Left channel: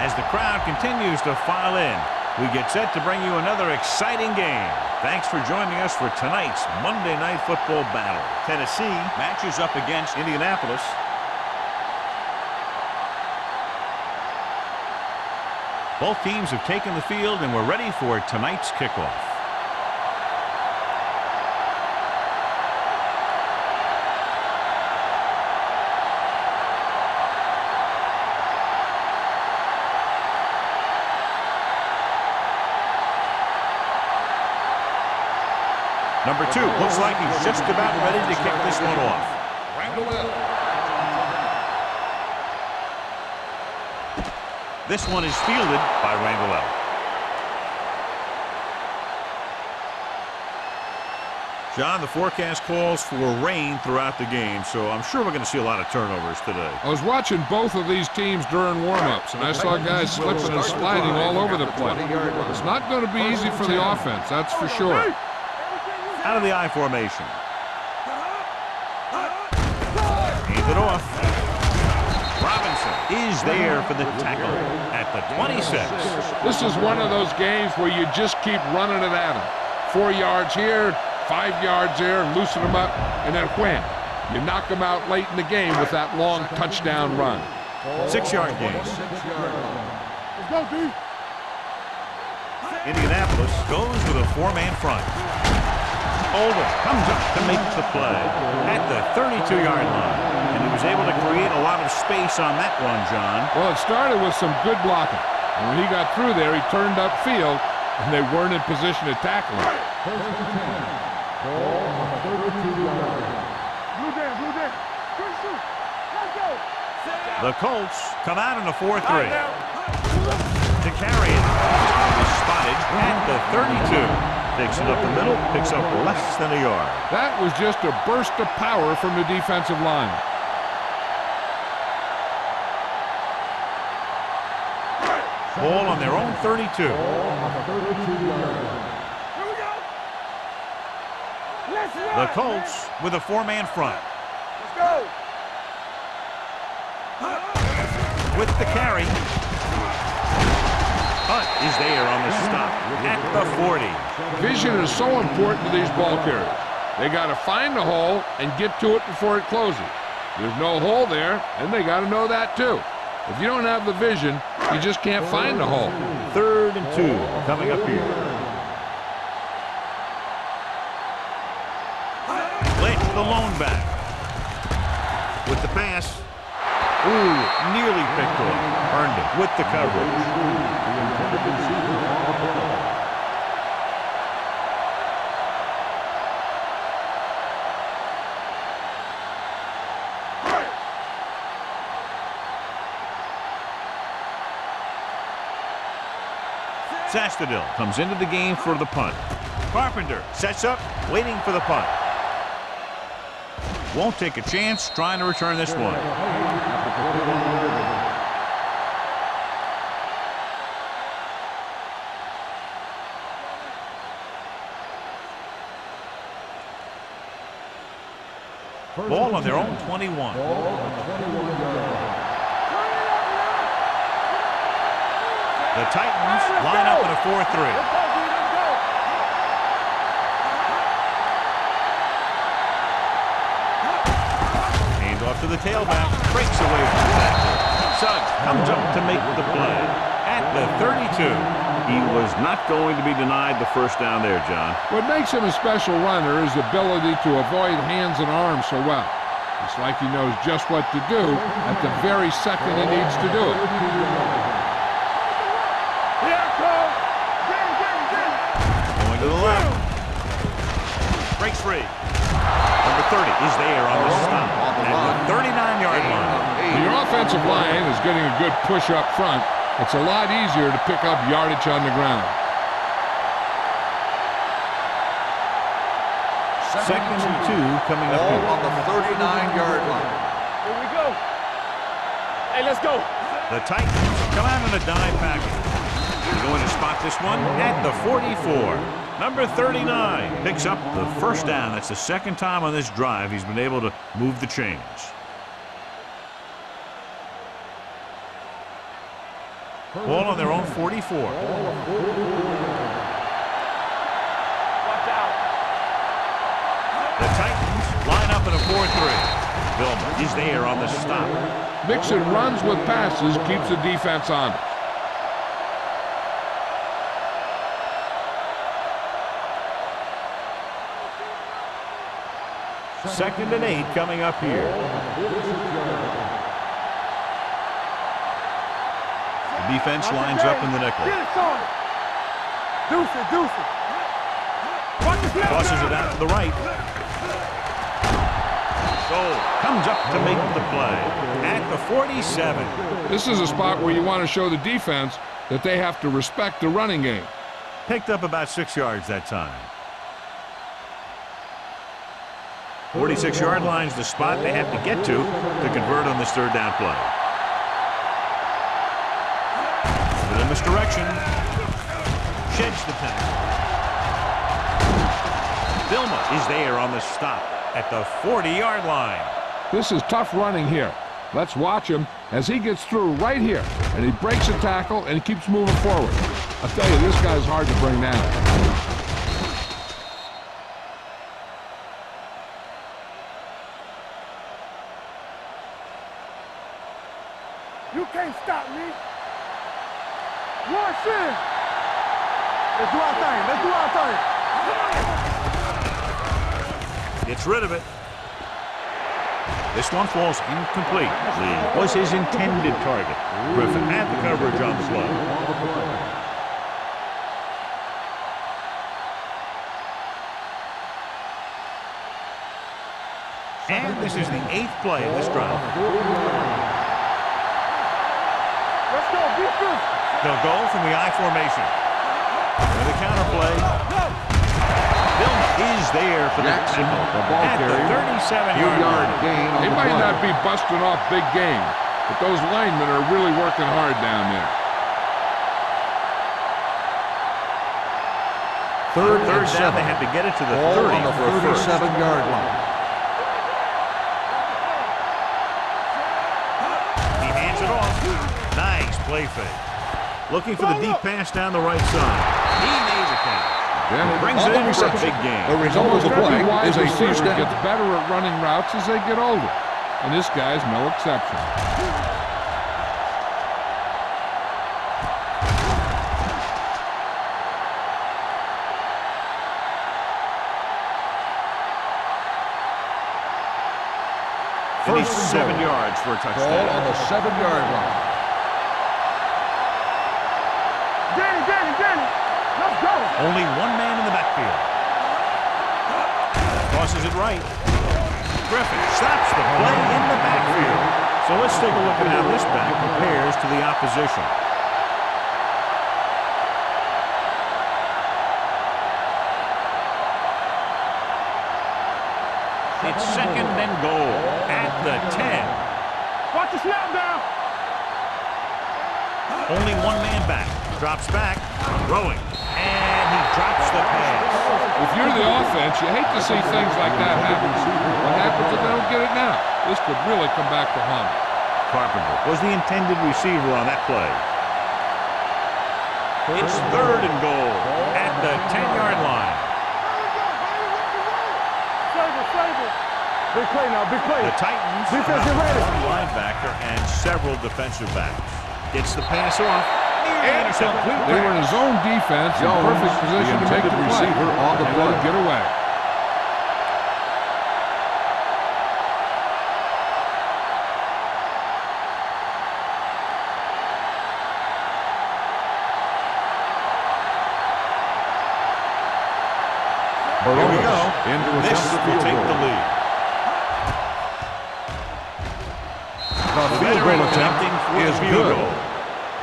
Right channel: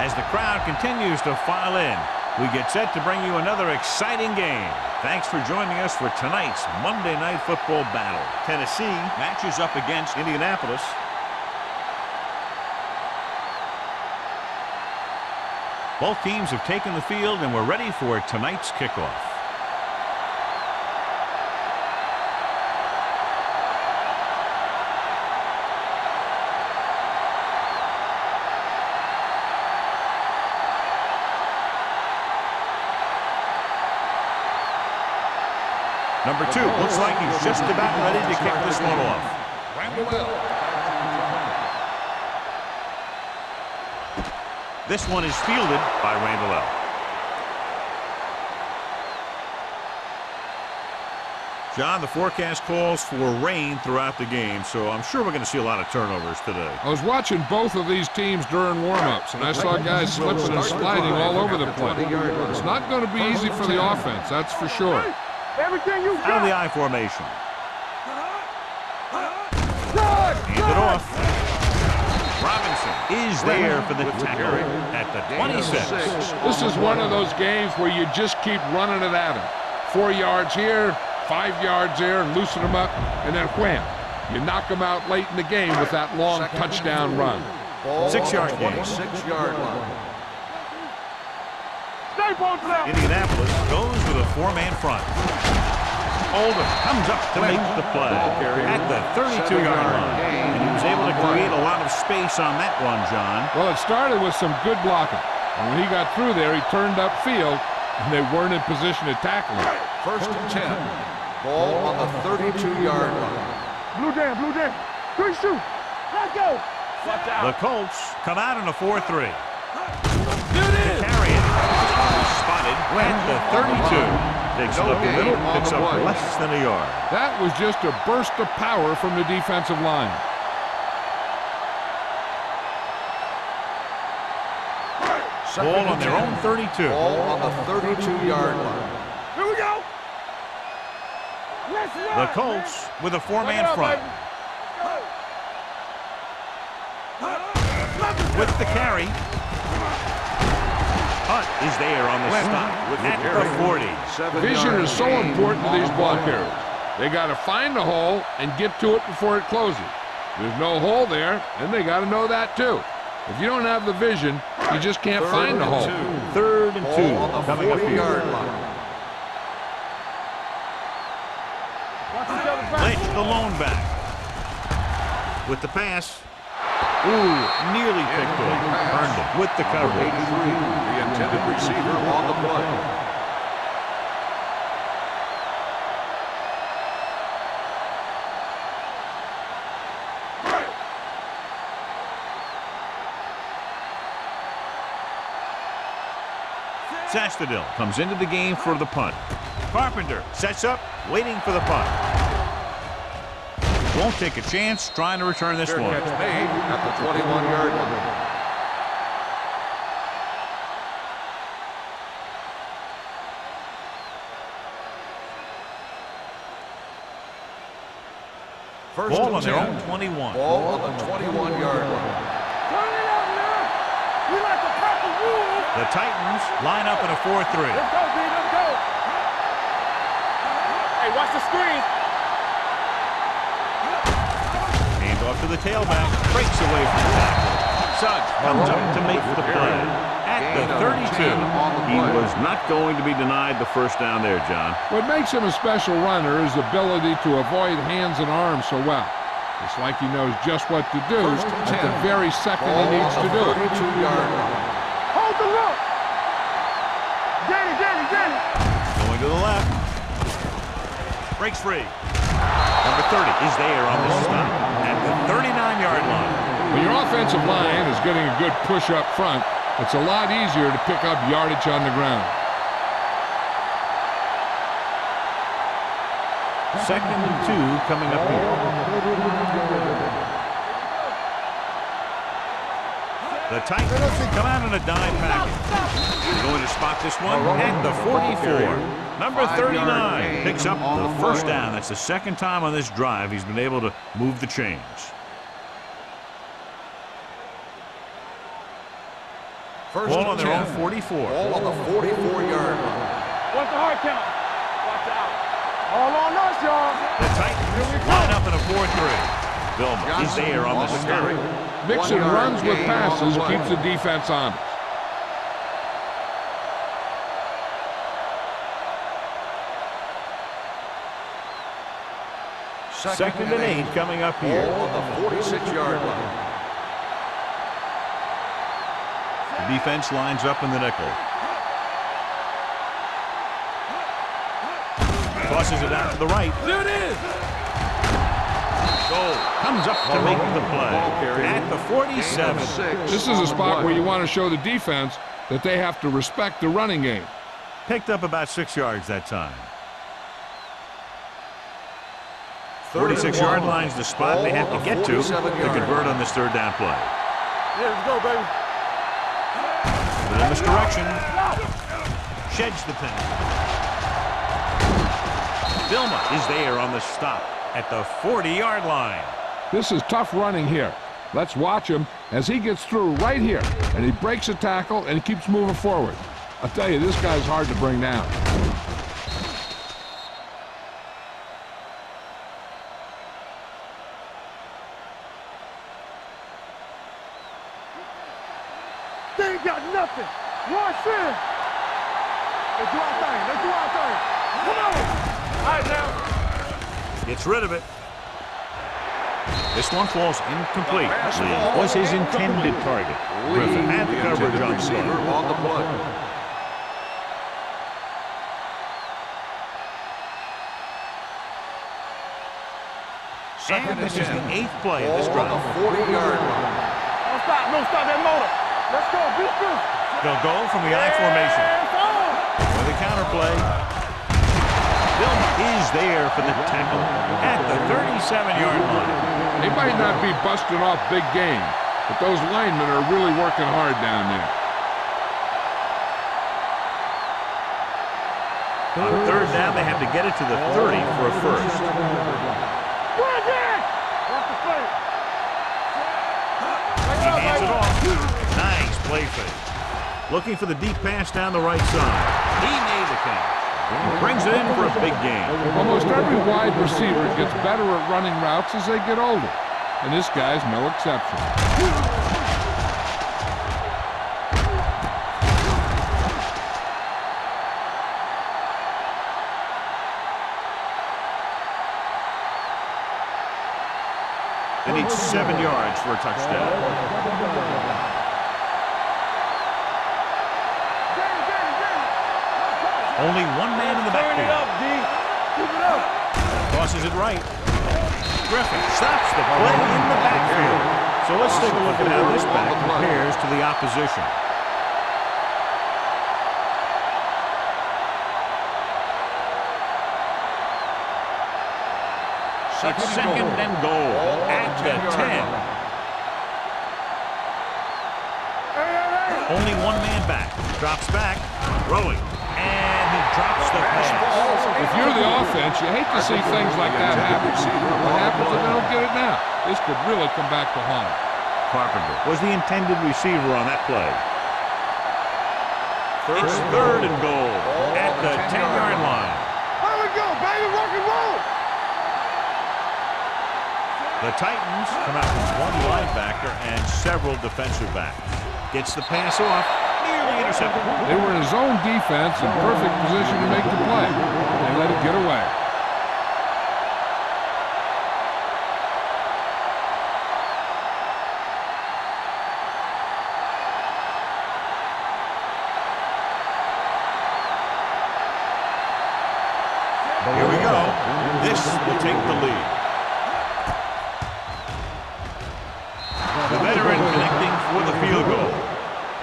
As the crowd continues to file in, we get set to bring you another exciting game. Thanks for joining us for tonight's Monday Night Football battle. Tennessee matches up against Indianapolis. Both teams have taken the field and we're ready for tonight's kickoff. Number 2 looks like he's just about ready to kick this one off. This one is fielded by Randall. John, the forecast calls for rain throughout the game, so I'm sure we're going to see a lot of turnovers today. I was watching both of these teams during warm-ups, and I saw guys slipping and sliding all over the place. It's not going to be easy for the offense, that's for sure. Out of the I formation. Hand it off. Robinson is there for the tackle at the 26. This is one of those games where you just keep running it at him. 4 yards here, 5 yards there, loosen them up, and then wham. You knock them out late in the game with that long touchdown run. 6-yard gain. 6-yard line. Indianapolis goes with a 4-man front. Oldham comes up to make the play at the 32-yard line. And he was able to create a lot of space on that run, John. Well, it started with some good blocking. And when he got through there, he turned upfield, and they weren't in position to tackle him. 1st and 10. Ball on the 32-yard line. Blue down, blue down. 3-2. Let's go. The Colts come out in a 4-3. To carry it. Spotted at the 32. Takes it up the middle, picks up less than a yard. That was just a burst of power from the defensive line. Ball on their own 32. Ball on the 32-yard line. Here we go. Let's The Colts with a 4-man front. go. With the carry. Hunt is there on the stop at the 40. Vision is so important to these ball carriers. They got to find the hole and get to it before it closes. There's no hole there, and they got to know that too. If you don't have the vision, you just can't find the hole. 3rd and 2 coming up here. Lynch, the lone back. With the pass. Ooh, nearly picked off. Earned him with the coverage. The intended receiver on the play. Sastadil comes into the game for the punt. Carpenter sets up, waiting for the punt. Won't take a chance trying to return this one. At the 21-yard line. Ball on their own 21. Ball on the 21-yard line. Turn it up now. The Titans line up in a 4-3. Let's go, D. Let's go. Hey, watch the screen. Hand off to the tailback. Breaks away from the tackle. Suggs comes up to make the play at the 32. He was not going to be denied the first down there, John. What makes him a special runner is the ability to avoid hands and arms so well. It's like he knows just what to do at the very second he needs to do it. Hold the look. Here I come. Get it. Going to the left. Breaks free. Number 30 is there on the stop at the 39-yard line. When your offensive line is getting a good push up front, it's a lot easier to pick up yardage on the ground. 2nd and 2 coming up here. On the 39-yard line. Here we go. Hey, let's go. The Titans come out in a dime package. They're going to spot this one at the 44. Number 39 picks up the first down. That's the second time on this drive he's been able to move the chains. Ball on their own 44. Ball on the 44-yard line. What's the hard count? Watch out. All on us, y'all. The Titans line up in a 4-3. Vilma is there on the stop. Mixing runs with passes keeps the defense honest. Second and 8 coming up here. Ball on the 46-yard line. The defense lines up in the nickel. Deuce it. Tosses it out to the right. Goal comes up to make the play at the 47. This is a spot where you want to show the defense that they have to respect the running game. Picked up about 6 yards that time. 46-yard line's the spot they have to get to convert on this third down play. Let's go, baby. But in this direction, sheds the penalty. Vilma is there on the stop at the 40-yard line. This is tough running here. Let's watch him as he gets through right here, and he breaks a tackle and he keeps moving forward. I'll tell you, this guy's hard to bring down. You can't stop me. They ain't got nothing. Rush in. Let's do our thing. Come on. Gets rid of it. This one falls incomplete. Lee was his intended target. Griffin had the coverage on the play. And this is the 8th play of this drive. Don't stop that motor. Let's go. Be physical. They'll go from the I formation. With a counterplay, Vilma is there for the tackle at the 37-yard line. They might not be busting off big game, but those linemen are really working hard down there. On third down, they have to get it to the 30 for a first. He hands it off. Nice play fake. Looking for the deep pass down the right side. He made the catch. Brings it in for a big gain. Almost every wide receiver gets better at running routes as they get older, and this guy's no exception. They need 7 yards for a touchdown. On the 7-yard line. Danny. Let's go. Only one man in the backfield. Tosses it right. Griffin stops the play in the backfield. So let's take a look at how this back compares to the opposition. It's second and goal at the 10. Watch the snap down. Only one man back. Drops back, throwing, and he drops the pass. If you're the offense, you hate to see things like that happen. What happens if they don't get it now? This could really come back to haunt them. Carpenter was the intended receiver on that play. It's third and goal at the 10-yard line. There we go, baby. Rock and roll. Big play now, big play. The Titans come out with one linebacker and several defensive backs. Gets the pass off, nearly intercepted. They were in a zone defense in perfect position to make the play. They let it get away. Here we go. This will take the lead. The veteran connecting for the field goal.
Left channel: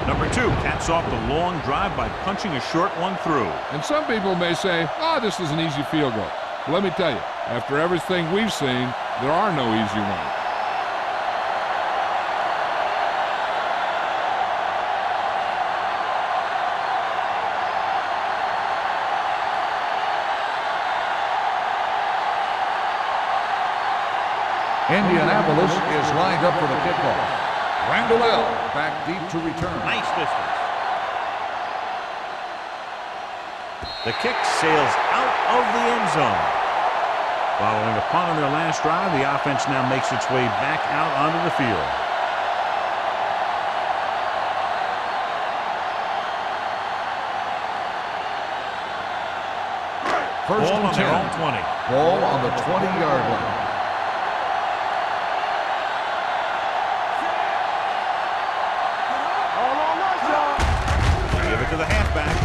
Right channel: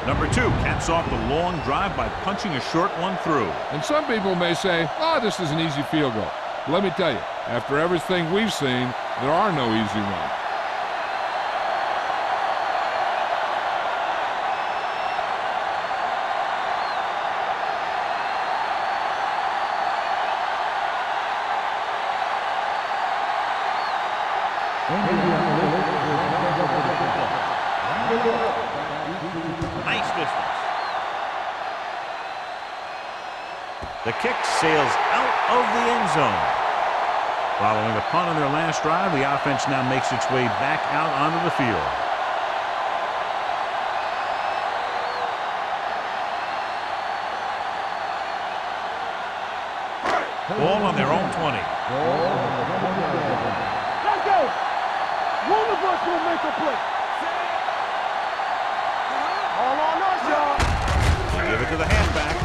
Number 2 caps off the long drive by punching a short one through. And some people may say, oh, this is an easy field goal. But let me tell you, after everything we've seen, there are no easy ones. Indianapolis is lined up for the kickoff. Randall back deep to return. Nice distance. The kick sails out of the end zone. Following a punt on their last drive, the offense now makes its way back out onto the field. Ball on their own 20. Ball on the 20-yard line. Let's go. One of us will make a play. All on us, y'all. They give it to the halfback.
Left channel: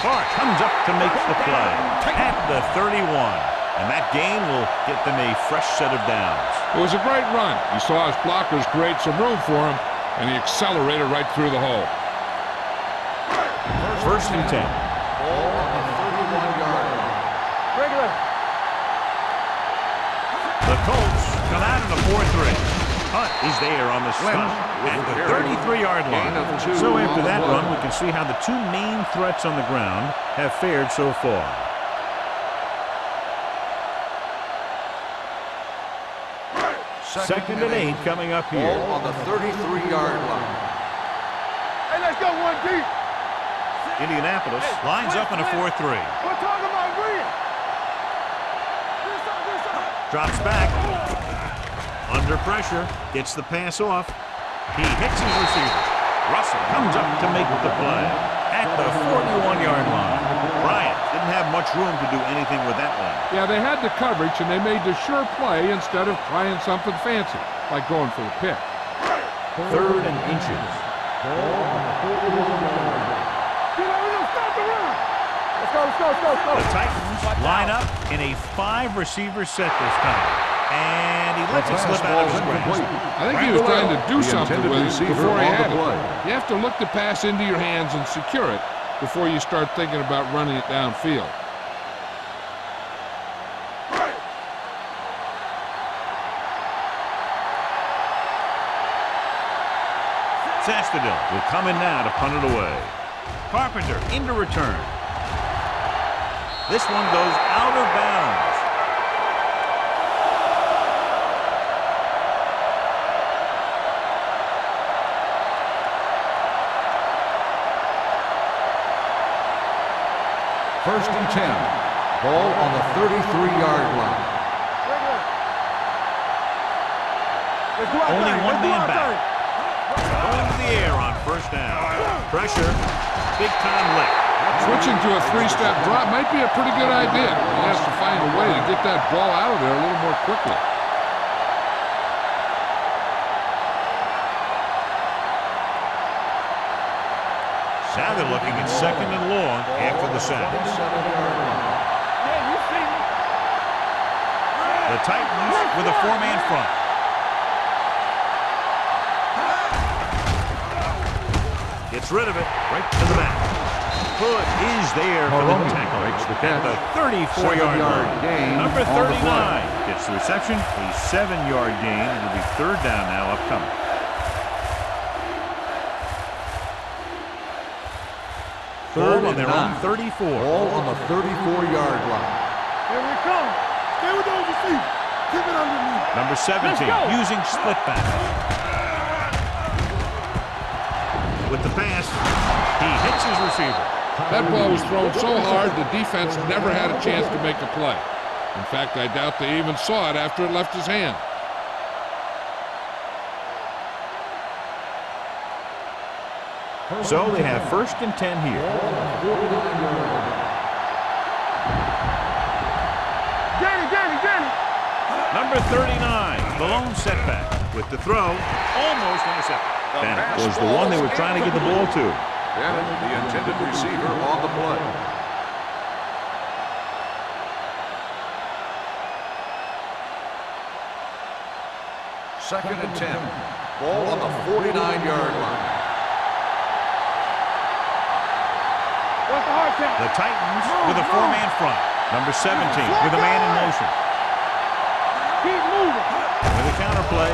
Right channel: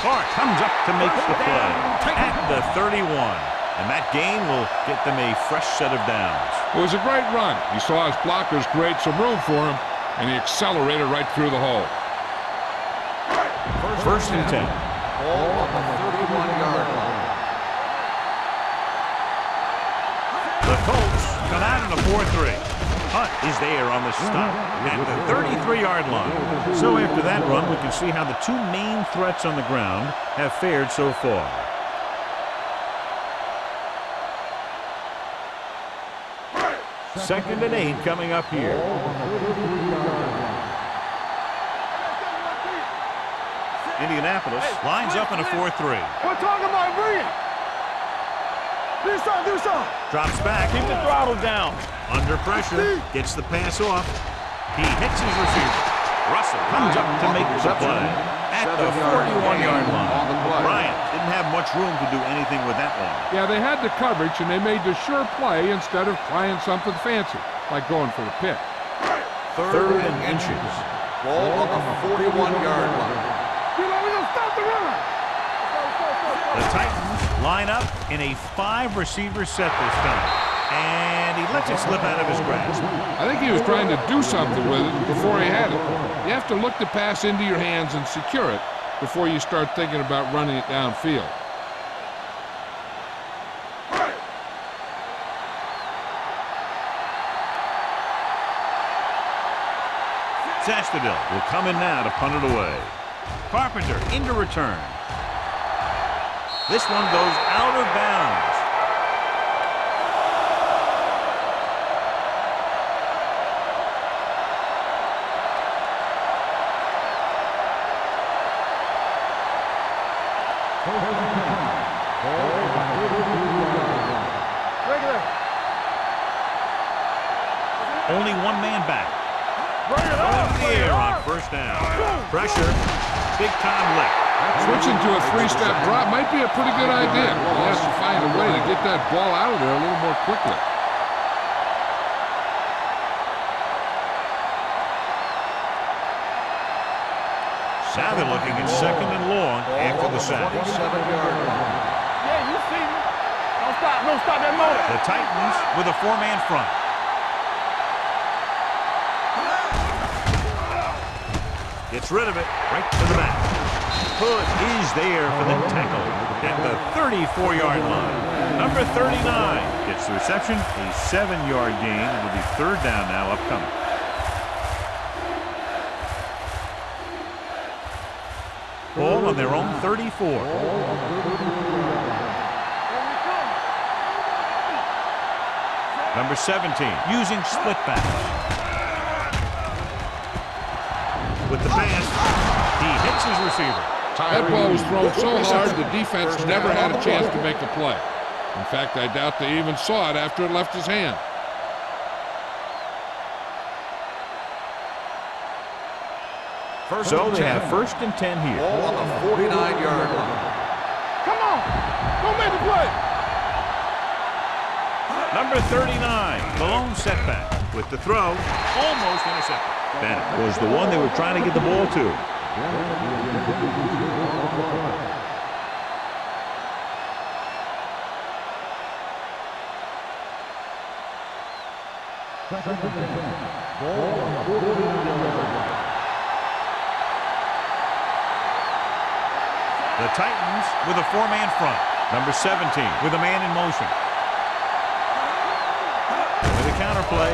Clark comes up to make the play at the 31. And that gain will get them a fresh set of downs. It was a great run. He saw his blockers create some room for him, and he accelerated right through the hole. First and 10. Ball on the 31-yard line. Regular. The Colts come out in a 4-3. Hunt is there on the stop at the 33-yard line. So after that run, we can see how the two main threats on the ground have fared so far. Second and 8 coming up here. Ball on the 33-yard line. Hey, let's go one deep. Indianapolis lines up in a 4-3. We're talking about brilliant. Do something. Drops back. Under pressure. Gets the pass off. He hits his receiver. Russell comes up to make the play at the 41-yard line. Bryant didn't have much room to do anything with that one. Yeah, they had the coverage, and they made the sure play instead of trying something fancy, like going for the pick. Third and inches. Ball on the 41-yard line. You know, we're going to stop the run. Let's go. The Titans line up in a 5-receiver set this time. And he lets it slip out of his grasp. I think he was trying to do something with it before he had it. You have to look the pass into your hands and secure it before you start thinking about running it downfield. Sastadil will come in now to punt it away. Carpenter into return. This one goes out of bounds. First and 10. Ball on the 33-yard line. Regular. Only one man back. Going to the air on first down. Pressure. Big time lick. Switching to a 3-step drop might be a pretty good idea. He has to find a way to get that ball out of there a little more quickly. Now they're looking at second and long after the sack. 27-yard line. Yeah, you see me. Don't stop that man. The Titans with a 4-man front. Gets rid of it right to the back. Hood is there for the tackle at the 34-yard line. Number 39 gets the reception, a 7-yard gain. It'll be third down now upcoming. Ball on their own 34. Ball on the 34-yard line. Here we come. Here we go to see. Keep it underneath. Number 17 using split pass. With the pass, he hits his receiver. That ball was thrown so hard the defense never had a chance to make a play. In fact, I doubt they even saw it after it left his hand. So they have first and 10 here. Ball on the 49-yard line. Come on. Don't make the play. Danny. Number 39, the lone setback. With the throw, almost intercepted. That was the one they were trying to get the ball to. Bennett, the intended receiver on the play. Second and 10. Ball on the 49-yard line. The Titans with a 4-man front. Number 17 with a man in motion. With a counterplay,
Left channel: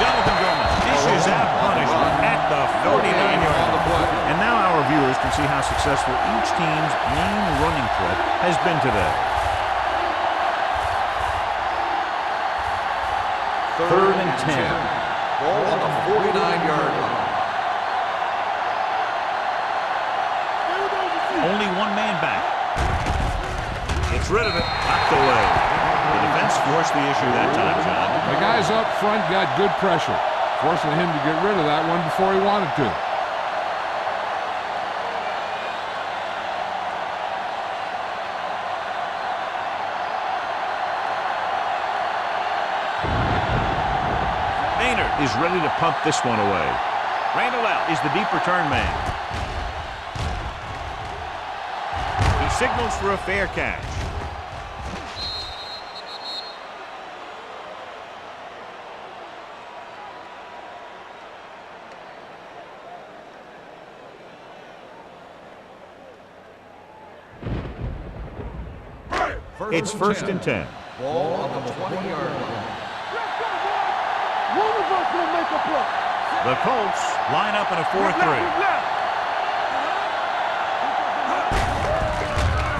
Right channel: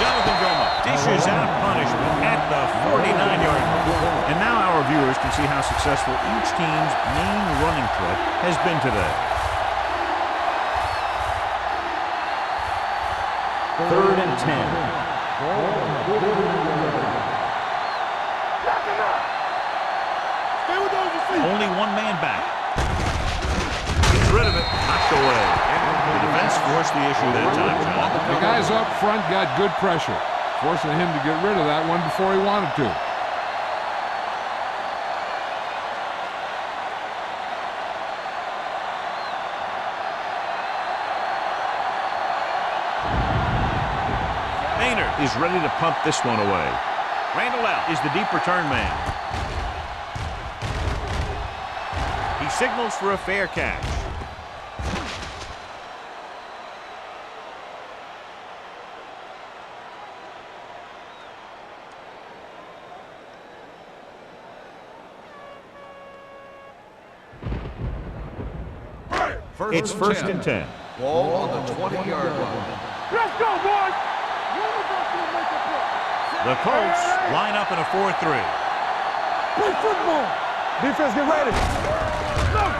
Jonathan Goma dishes out punishment at the 49-yard line. And now our viewers can see how successful each team's main running threat has been today. 3rd and 10. Ball on the 49-yard line. Only one man back. Gets rid of it. Knocked away. The defense forced the issue that time, John. The guys up front got good pressure, forcing him to get rid of that one before he wanted to. Maynard is ready to punt this one away. Randall out is the deep return man. He signals for a fair catch. It's 1st and 10. Ball on the 20-yard line. Let's go, boys. One of us will make a play. The Colts line up in a 4-3. Play football. Defense get ready.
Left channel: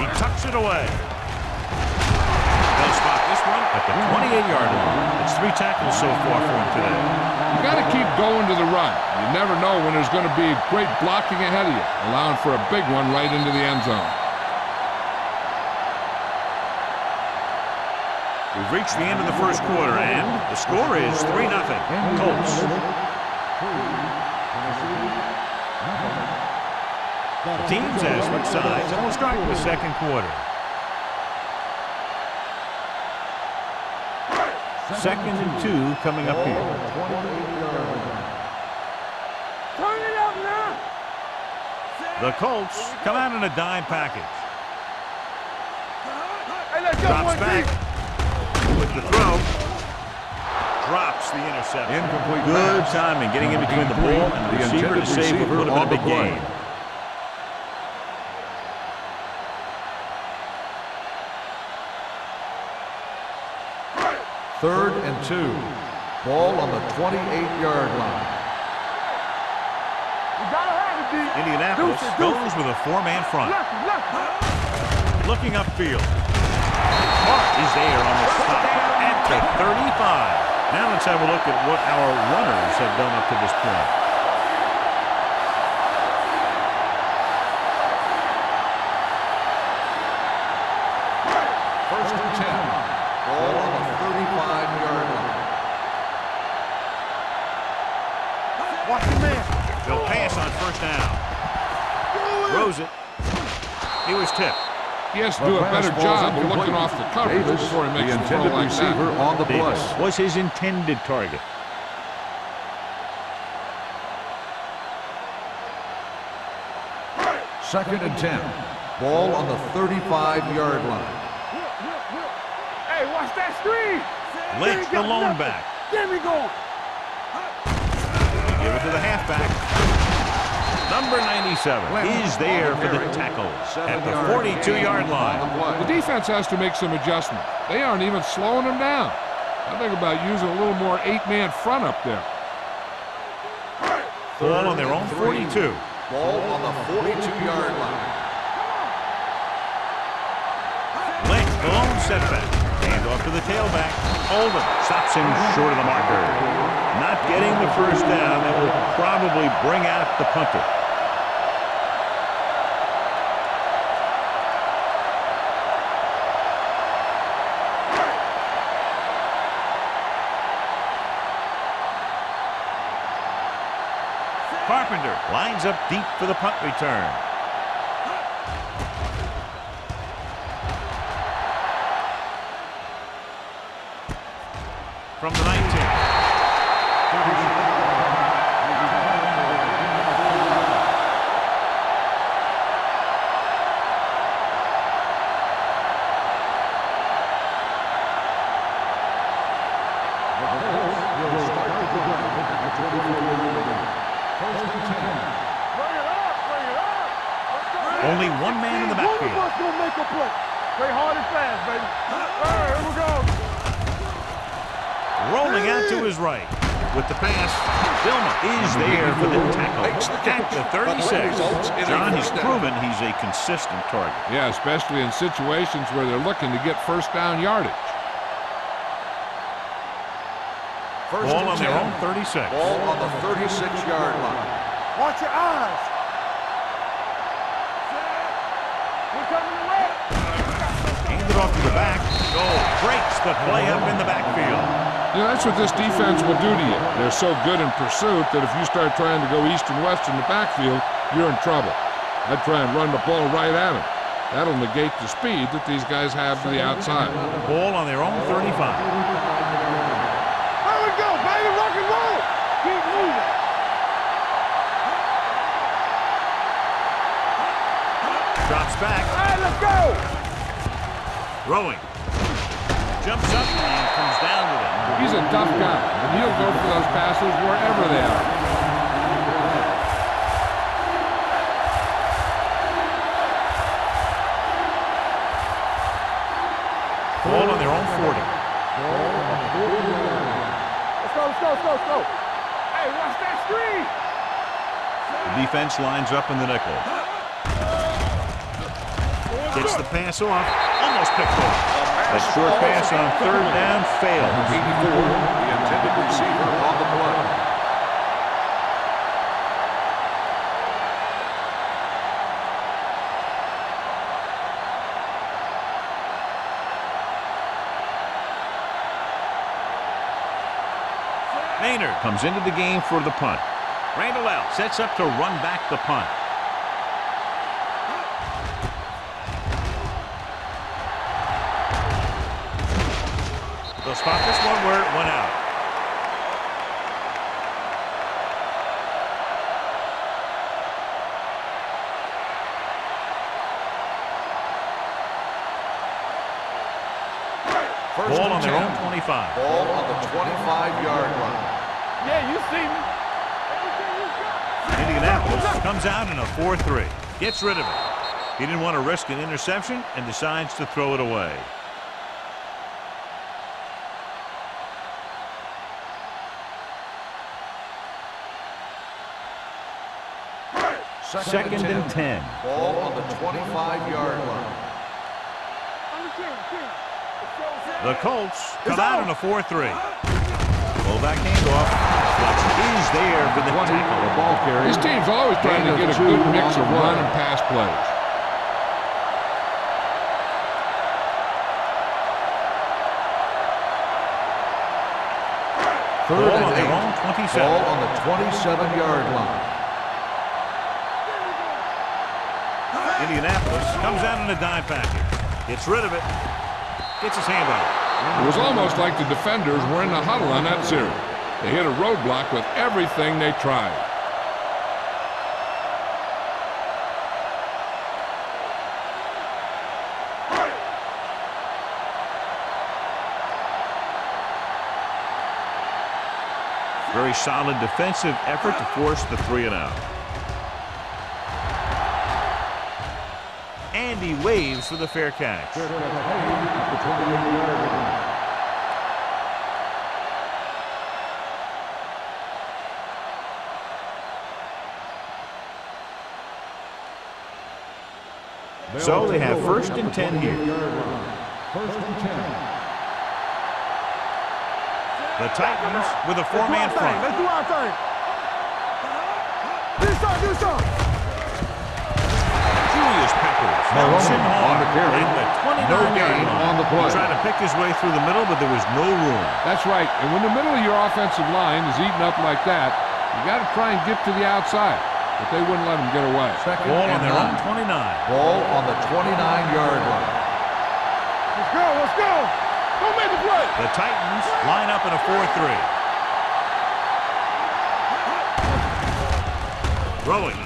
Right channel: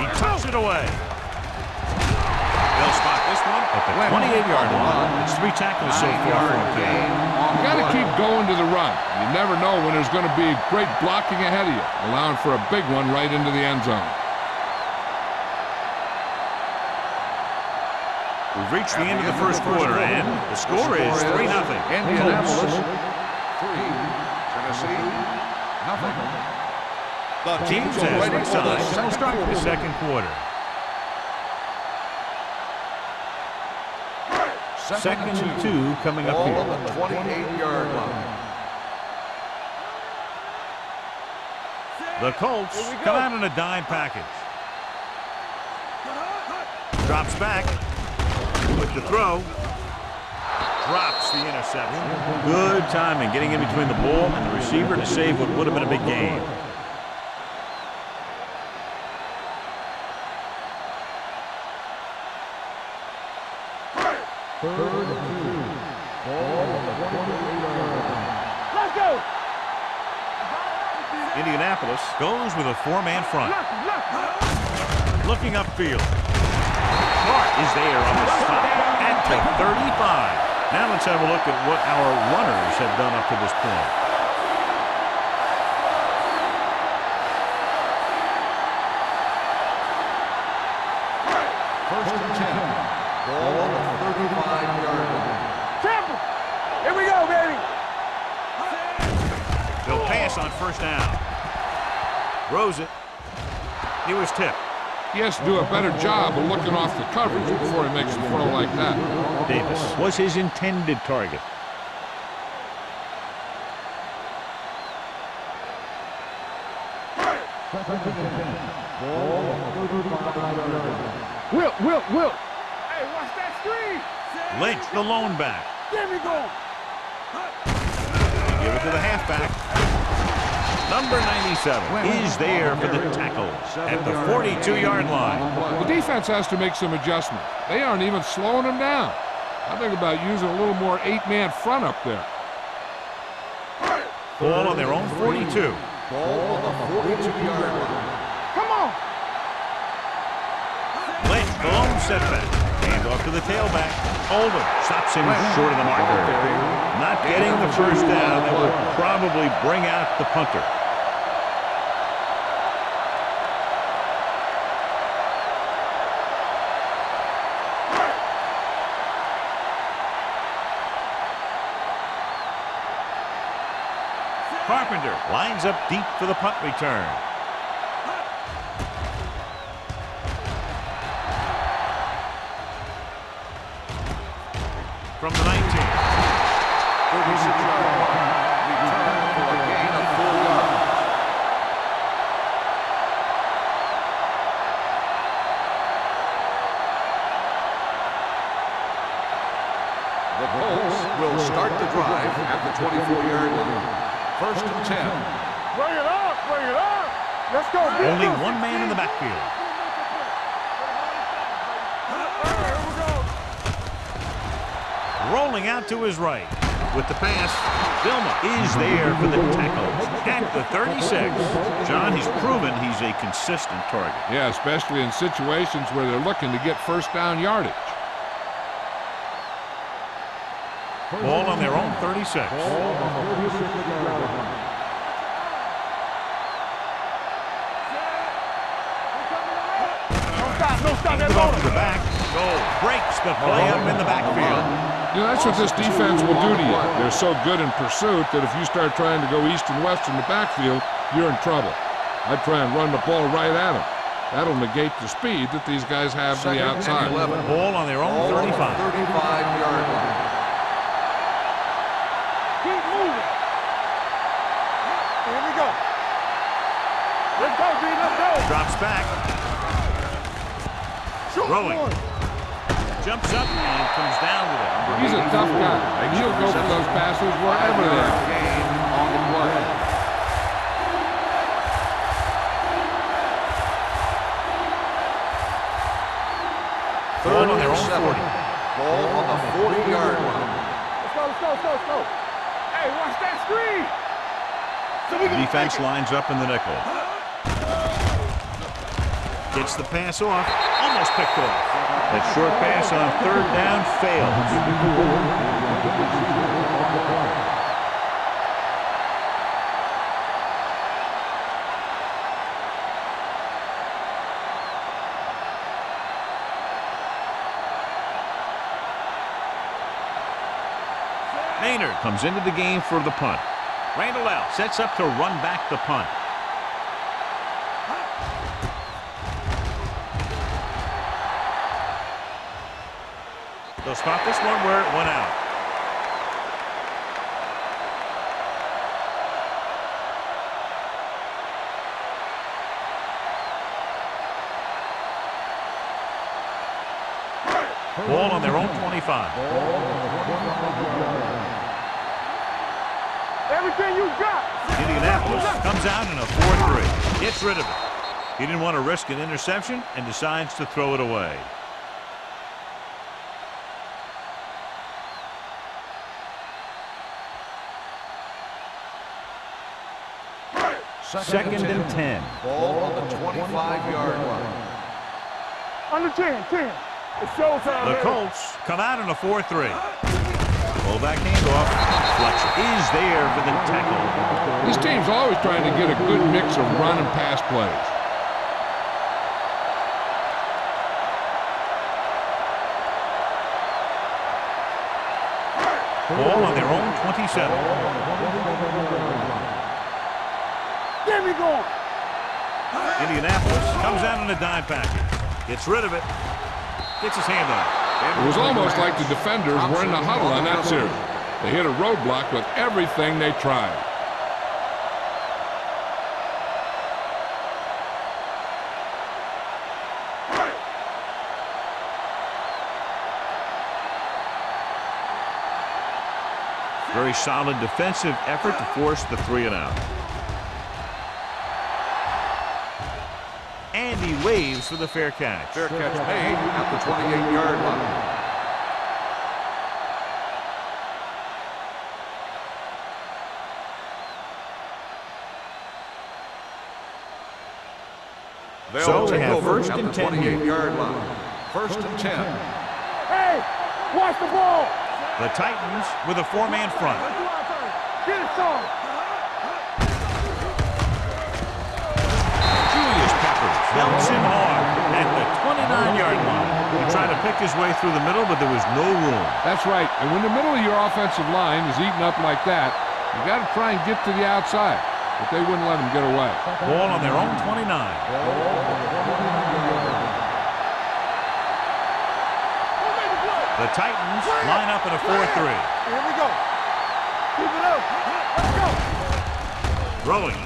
He tucks it away. They'll spot this one at the 28-yard line. It's 3 tackles so far for him today. You got to keep going to the run. You never know when there's going to be great blocking ahead of you, allowing for a big one right into the end zone. We've reached the end of the first quarter, and the score is 3-0. Colts. The teams have switched sides, and we'll start the second quarter. 2nd and 2 coming up here. 28-yard line. Turn it up now. The Colts come out in a dime package. Drops back with the throw. Drops the interception. Good timing, getting in between the ball and the receiver to save what would have been a big gain. Third and 2. Ball on the 28-yard line. Let's go. You gotta have it, D. Indianapolis goes with a 4-man front. Looking upfield. Hart is there on the stop at the 35. Now let's have a look at what our runners have done up to this point. First and 10. Ball on the 35-yard line. Here we go, baby. They'll pass on 1st down. Throws it. He was tipped. He has to do a better job of looking off the coverage before he makes a throw like that. On the Davis was his intended target. Second and 10. Ball on the 35-yard line. Will. Hey, watch that screen. Lynch, the lone back. Get me going. Give it to the halfback. Number 97 is there for the tackle at the 42-yard line. The defense has to make some adjustments. They aren't even slowing them down. I think about using a little more 8-man front up there. Ball on their own 42. Ball on the 42-yard line. Come on. Lynch, the lone setback. Hand off to the tailback. Oldham stops him short of the marker. Not getting the first down. That would probably bring out the punter. Carpenter lines up deep for the punt return. From the 19. 36-yard punt. Return for a gain of 4 yards. The Colts will start the drive at the 24-yard line. First and 10. Bring it up. Let's go. Only one man in the backfield. One of us will make a play. Play hard and fast, baby. Here we go. Rolling out to his right. With the pass, Vilma is there for the tackle at the 36. John, he's proven he's a consistent target. Yeah, especially in situations where they're looking to get first down yardage. Ball on their own 36. Ball on the 36-yard line. Watch your eyes. Set. We're coming away. Don't stop. Don't stop. Hands it off to the back. Goal. Breaks the play up in the backfield. You know, that's what this defense will do to you. They're so good in pursuit that if you start trying to go east and west in the backfield, you're in trouble. I'd try and run the ball right at them. That'll negate the speed that these guys have to the outside. Ball on their own 35. 35-yard line. There we go, baby. Rock and roll. Keep moving. Here we go. Let's go, baby. Let's go. Drops back. Let's go. Throwing. Jumps up and comes down with it. He's a tough guy, and he'll go for those passes wherever they are. Ball on their own 40. Ball on the 40-yard line. Let's go, let's go, let's go, let's go. Hey, watch that screen. The defense lines up in the nickel. Gets the pass off. Almost picked off. That short pass on third down fails. 84, the intended receiver on the play. Maynard comes into the game for the punt. Randall L. sets up to run back the punt. They'll spot this one where it went out. Ball on their own 25. Ball on the 25-yard line. Yeah, you see me. Everything you got. Indianapolis comes out in a 4-3. Gets rid of it. He didn't want to risk an interception and decides to throw it away. Second and 10. Ball on the 25-yard line. Under 10, 10. It's showtime. The Colts come out in a 4-3. Fullback handoff. Flex is there for the tackle. This team's always trying to get a good mix of run and pass plays. Ball on their own 27. Ball on the 27-yard line. Give me ball. Indianapolis comes out in a dime package. Gets rid of it. Gets his hand on it. It was almost like the defenders were in the huddle on that series. They hit a roadblock with everything they tried. Very solid defensive effort to force the 3-and-out. And he waves for the fair catch. Fair catch made at the 28-yard line. So they have first and 10 here. First and 10. Hey, watch the ball. The Titans with a four-man front. Let's do our thing. Get it started. Get it started, get it started. Julius Peppers melts in hard at the 29-yard line. He tried to pick his way through the middle, but there was no room. That's right. And when the middle of your offensive line is eaten up like that, you got to try and get to the outside. But they wouldn't let him get away. Ball on their own 29. Ball on the 29-yard line. Let's go, let's go. Don't make the play. The Titans line up in a 4-3. Here we go. Keep it up. Throwing.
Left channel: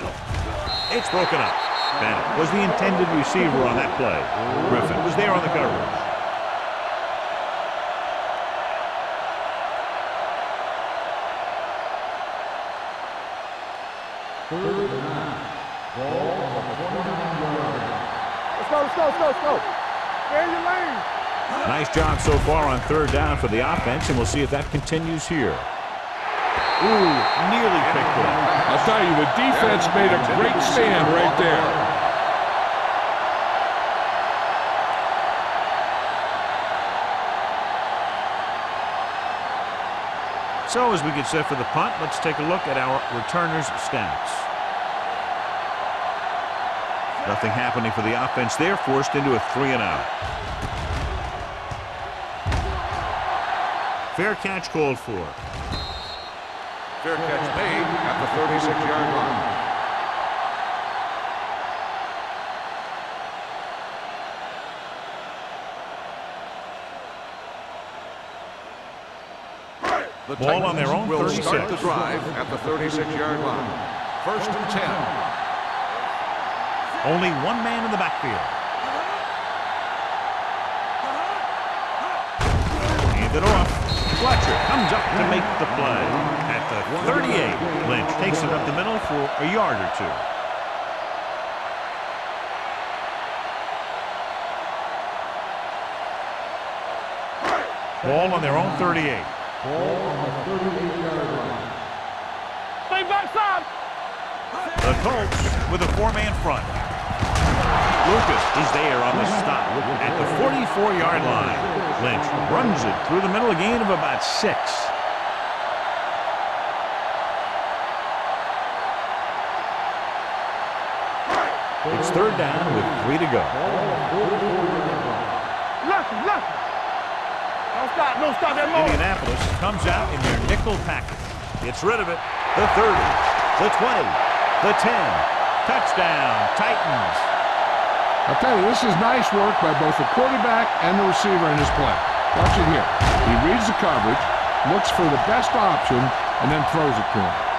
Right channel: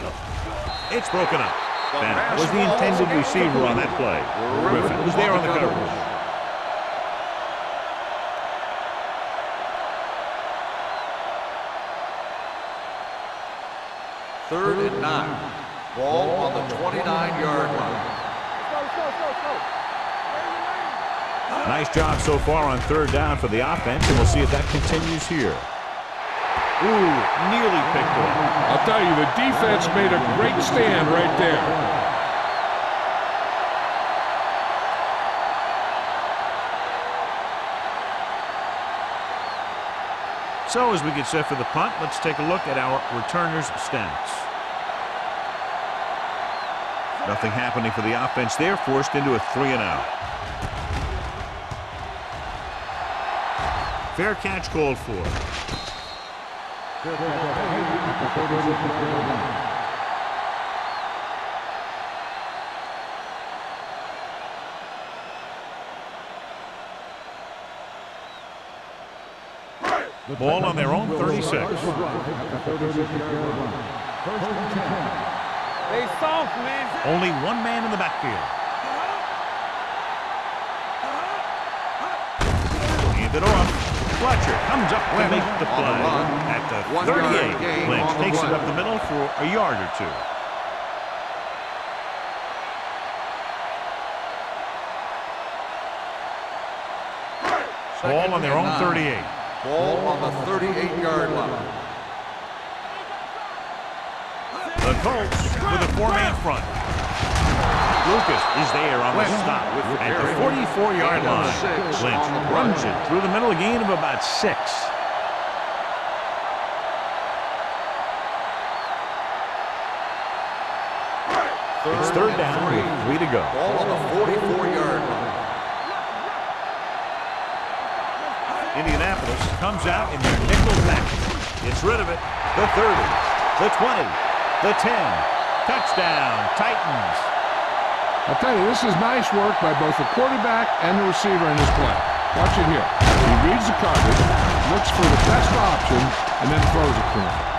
It's broken up. Bennett was the intended receiver on that play. Griffin was there on the coverage. Third and 9. Ball on the 29-yard line. Let's go, let's go, let's go, let's go. Stay in your lane. Nice job so far on third down for the offense, and we'll see if that continues here. Ooh, nearly picked off. I'll tell you, the defense made a great stand right there. So as we get set for the punt, let's take a look at our returners' stats. Nothing happening for the offense there, forced into a 3-and-out. Fair catch called for. Fair catch made at the 36-yard line. The Ball on their own will 36. Start the drive at the 36-yard line. First and 10. Only one man in the backfield. Hand it off. Fletcher comes up to make the play. At the 38, Lynch takes it up the middle for a yard or two. Ball on their own 38. Ball on the 38-yard line. The Colts with a four-man front. Lucas is there on the stop at the 44-yard line. Lynch runs it through the middle, a gain of about 6. It's third down with 3 to go. Ball on the 44-yard line. Indianapolis comes out in their nickel package. Gets rid of it. The 30, the 20, the 10. Touchdown, Titans. I'll tell you, this is nice work by both the quarterback and the receiver in his play. Watch it here. He reads the coverage, looks for the best option, and then throws it to him.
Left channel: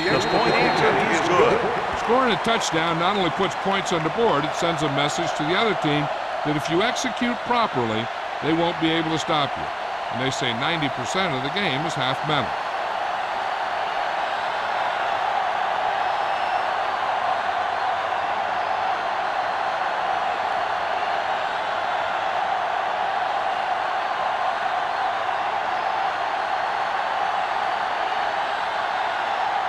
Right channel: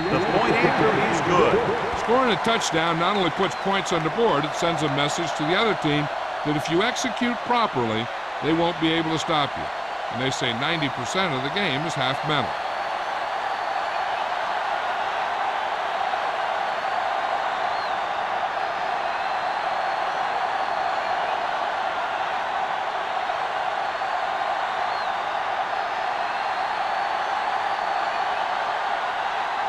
The point answer is good. Scoring a touchdown not only puts points on the board, it sends a message to the other team that if you execute properly, they won't be able to stop you. And they say 90% of the game is half mental.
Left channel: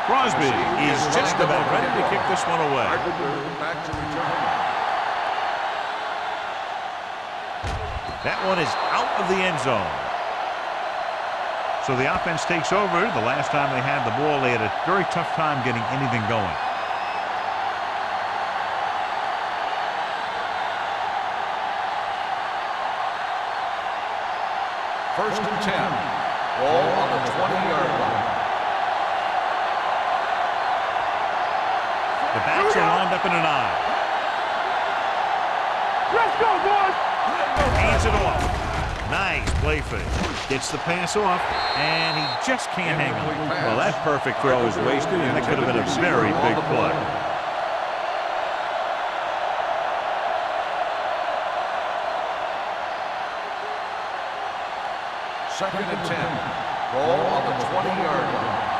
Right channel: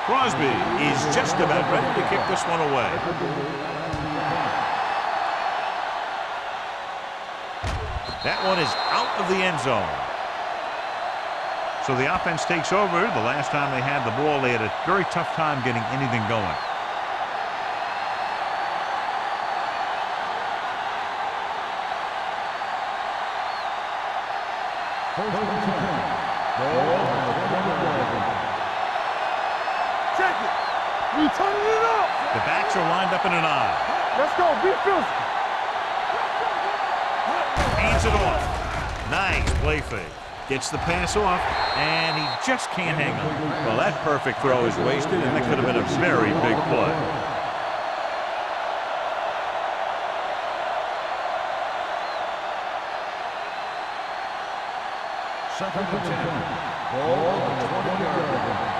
Crosby is just about ready to kick this one away. That one is out of the end zone. So the offense takes over. The last time they had the ball, they had a very tough time getting anything going. First and 10. Ball on the 20-yard line. The backs are lined up in an I. Let's go, defense. Let's go, boys. Hands it off. Nice play fake. Gets the pass off, and he just can't hang on. Well, that perfect throw is wasted, and that could have been a very big play. Second and 10. Ball on the 20-yard line.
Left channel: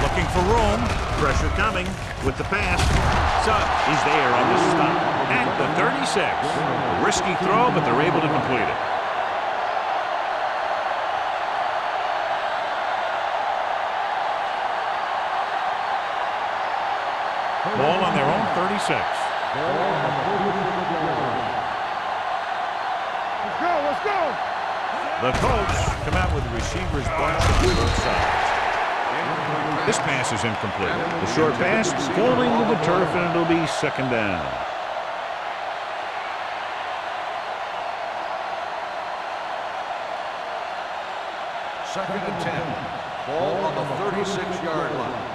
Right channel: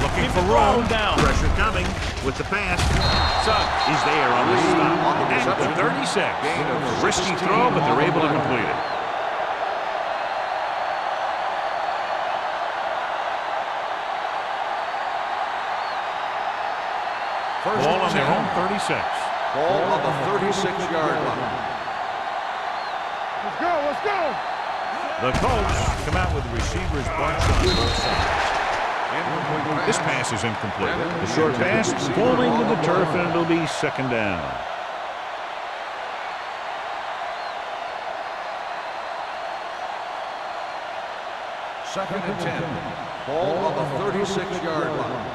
Looking for room. Pressure coming with the pass. Suggs is there on the stop at the 36. A risky throw, but they're able to complete it. Ball on their own 36. Ball on the 36-yard line. Let's go, let's go. The Colts come out with the receivers bunch on both sides. This pass is incomplete. The short pass falling to the turf, and it'll be second down. Second and 10. Ball on the 36-yard line.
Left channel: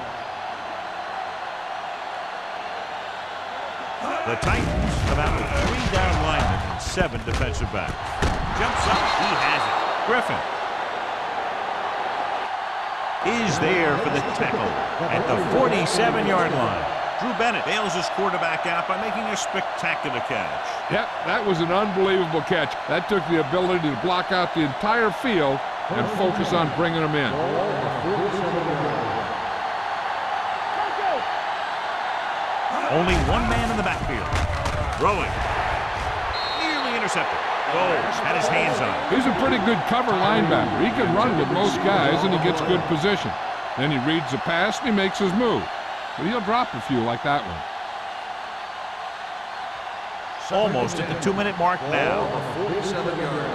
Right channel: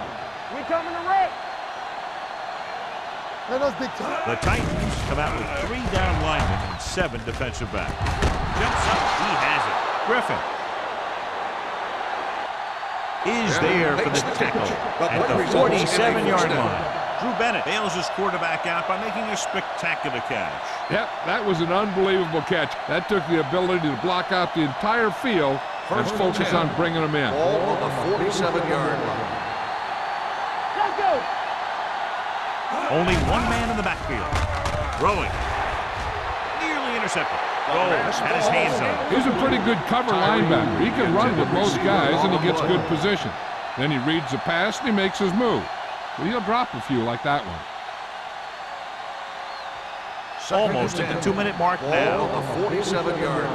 The Titans come out with 3 down linemen and 7 defensive backs. Jumps up, he has it. Griffin is there for the tackle at the 47-yard line. Drew Bennett bails his quarterback out by making a spectacular catch. Yep, that was an unbelievable catch. That took the ability to block out the entire field and focus on bringing them in. Ball on the 47-yard line. Let's go. Only one man in the backfield. Throwing. Nearly intercepted. Gold had his hands on it. He's a pretty good cover linebacker. He can run with most guys, and he gets good position. Then he reads the pass, and he makes his move. But he'll drop a few like that one. Almost at the 2-minute mark Ball now. on the 47-yard line.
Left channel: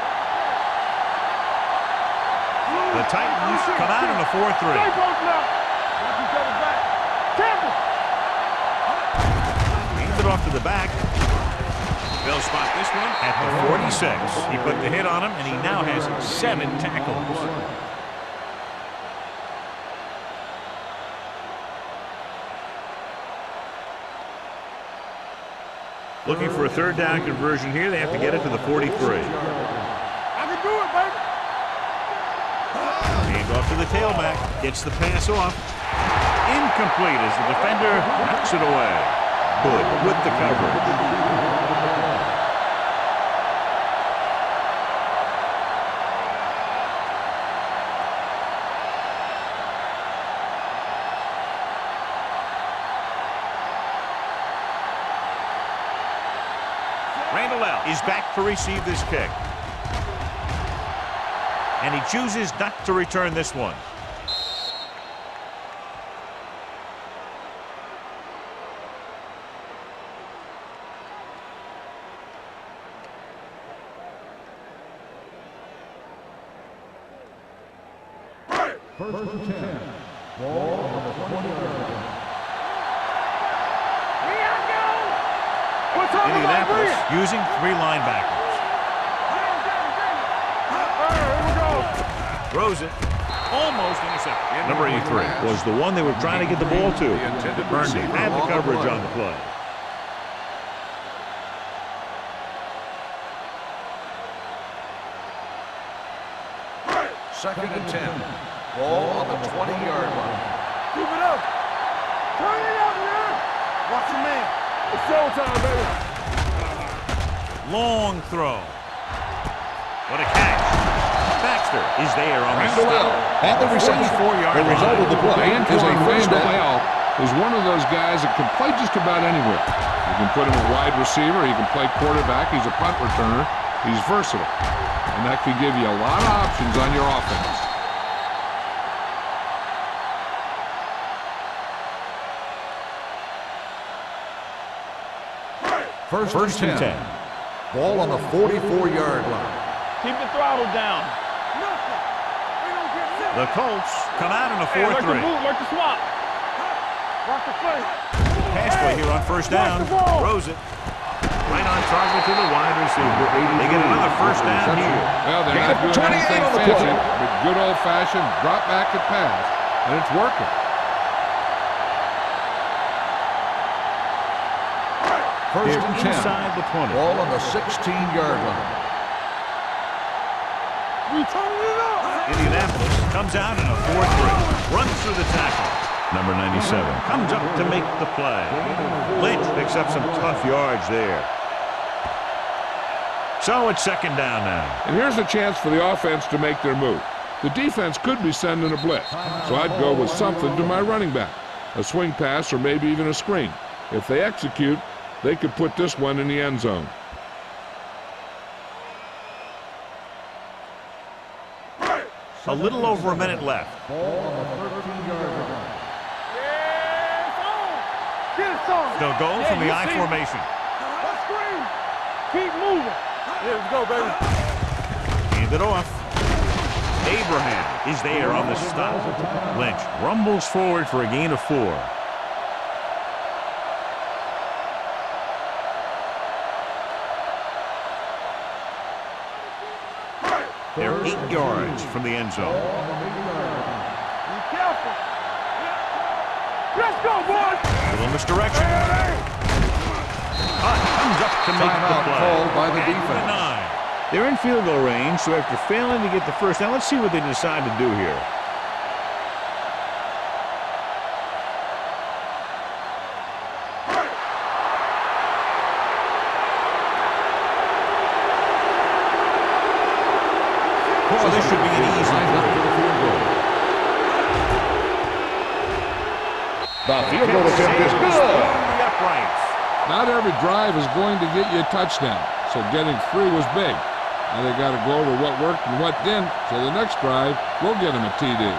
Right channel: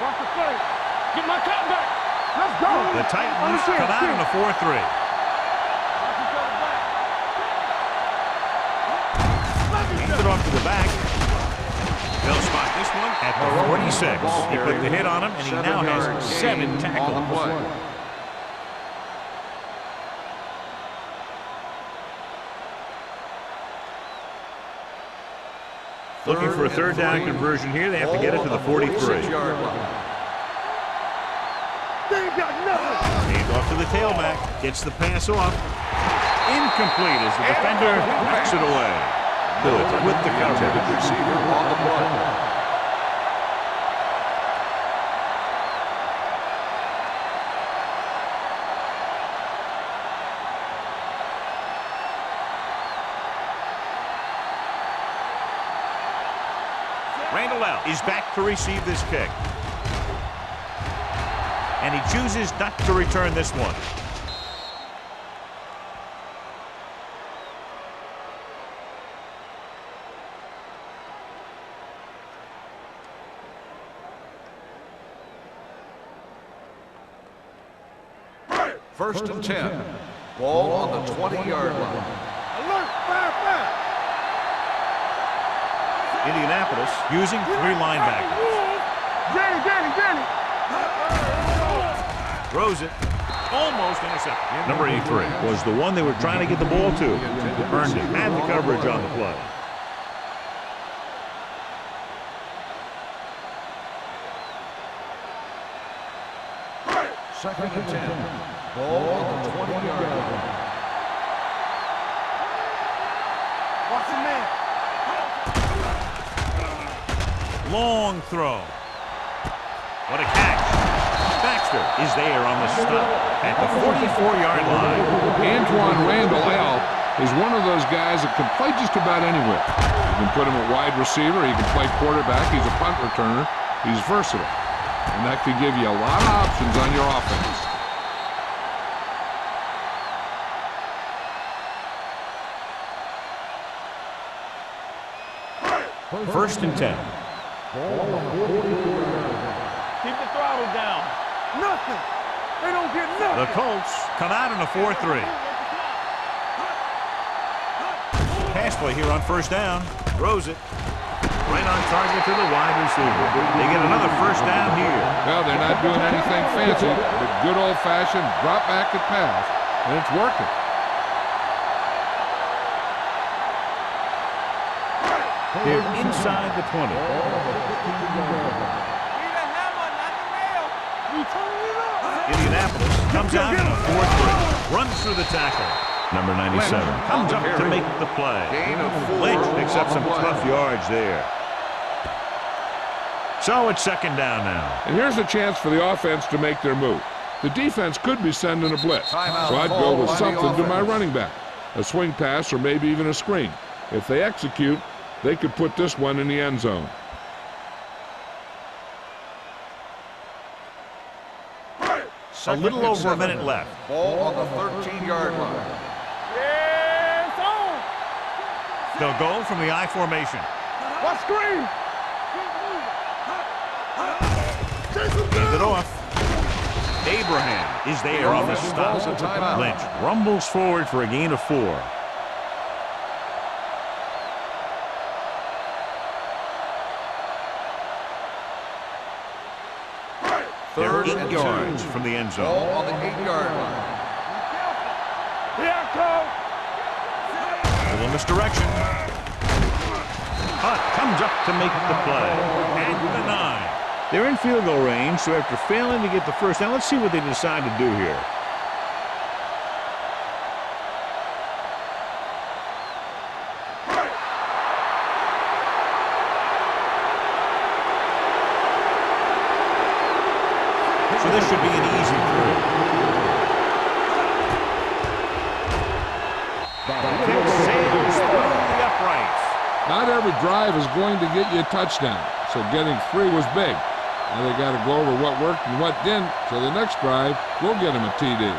Watch the play. Get my top back. Let's go. The Titans come out in a 4-3. Watch each other back. Hand it off to the back. They'll spot this one at the 46. He put the hit on him, and he now has 7 tackles. Looking for a third down conversion here. They have to get it to the 43. I can do it, baby. They ain't got nothing. Hand off to the tailback. Gets the pass off. Incomplete as the defender knocks it away. Good with the coverage. Randall L. is back to receive this kick. And he chooses not to return this one. First and 10. Ball on the 20-yard line. Indianapolis using 3 linebackers. Danny. Throws it. Almost intercepted. Number 83 was the one they were trying to get the ball to. Burned it. Had the coverage on the play. Second and 10. Ball on the 20-yard line. Keep it up. Turn it up now. Watch the man. It's all time. Long throw. What a catch. Baxter is there on the stop at the 44-yard line. Antoine Randall L. is one of those guys that can play just about anywhere. You can put him at wide receiver. He can play quarterback. He's a punt returner. He's versatile. And that could give you a lot of options on your offense. First and 10. Ball on the 44-yard line. Keep the throttle down. Nothing. They don't get nothing. The Colts come out in a 4-3. Like the swap. Watch the play. Pass play here on first down. Throws it. Right on target to the wide receiver. They get another first down here. Well, they're not doing anything fancy, but good old-fashioned drop back and pass, and it's working. They're inside the 20. Ball on the 16-yard line. We turning it up. Indianapolis comes out in a 4-3. Runs through the tackle. Number 97 comes up to make the play. Lynch picks up some tough yards there. So it's second down now. And here's a chance for the offense to make their move. The defense could be sending a blitz, so I'd go with something to my running back. A swing pass or maybe even a screen. If they execute, they could put this one in the end zone. A little over a minute left. Ball on the 13-yard line. Yeah, it's on. Get it on. They'll go from the I formation. What screen? Keep moving. Here we go, baby. Hand it off. Abraham is there on the stop. Lynch rumbles forward for a gain of 4. They're 8 yards from the end zone. Ball on the 8-yard line. Be careful. Here I come. Let's go, boy. Little misdirection. Hunt comes up to make the play at the 9. They're in field goal range, so after failing to get the first down, let's see what they decide to do here. So this should be an easy 3. The field Kick goal attempt is sails through good. the uprights. Not every drive is going to get you a touchdown, so getting 3 was big. Now they got to go over what worked and what didn't, so the next drive will get them a TD.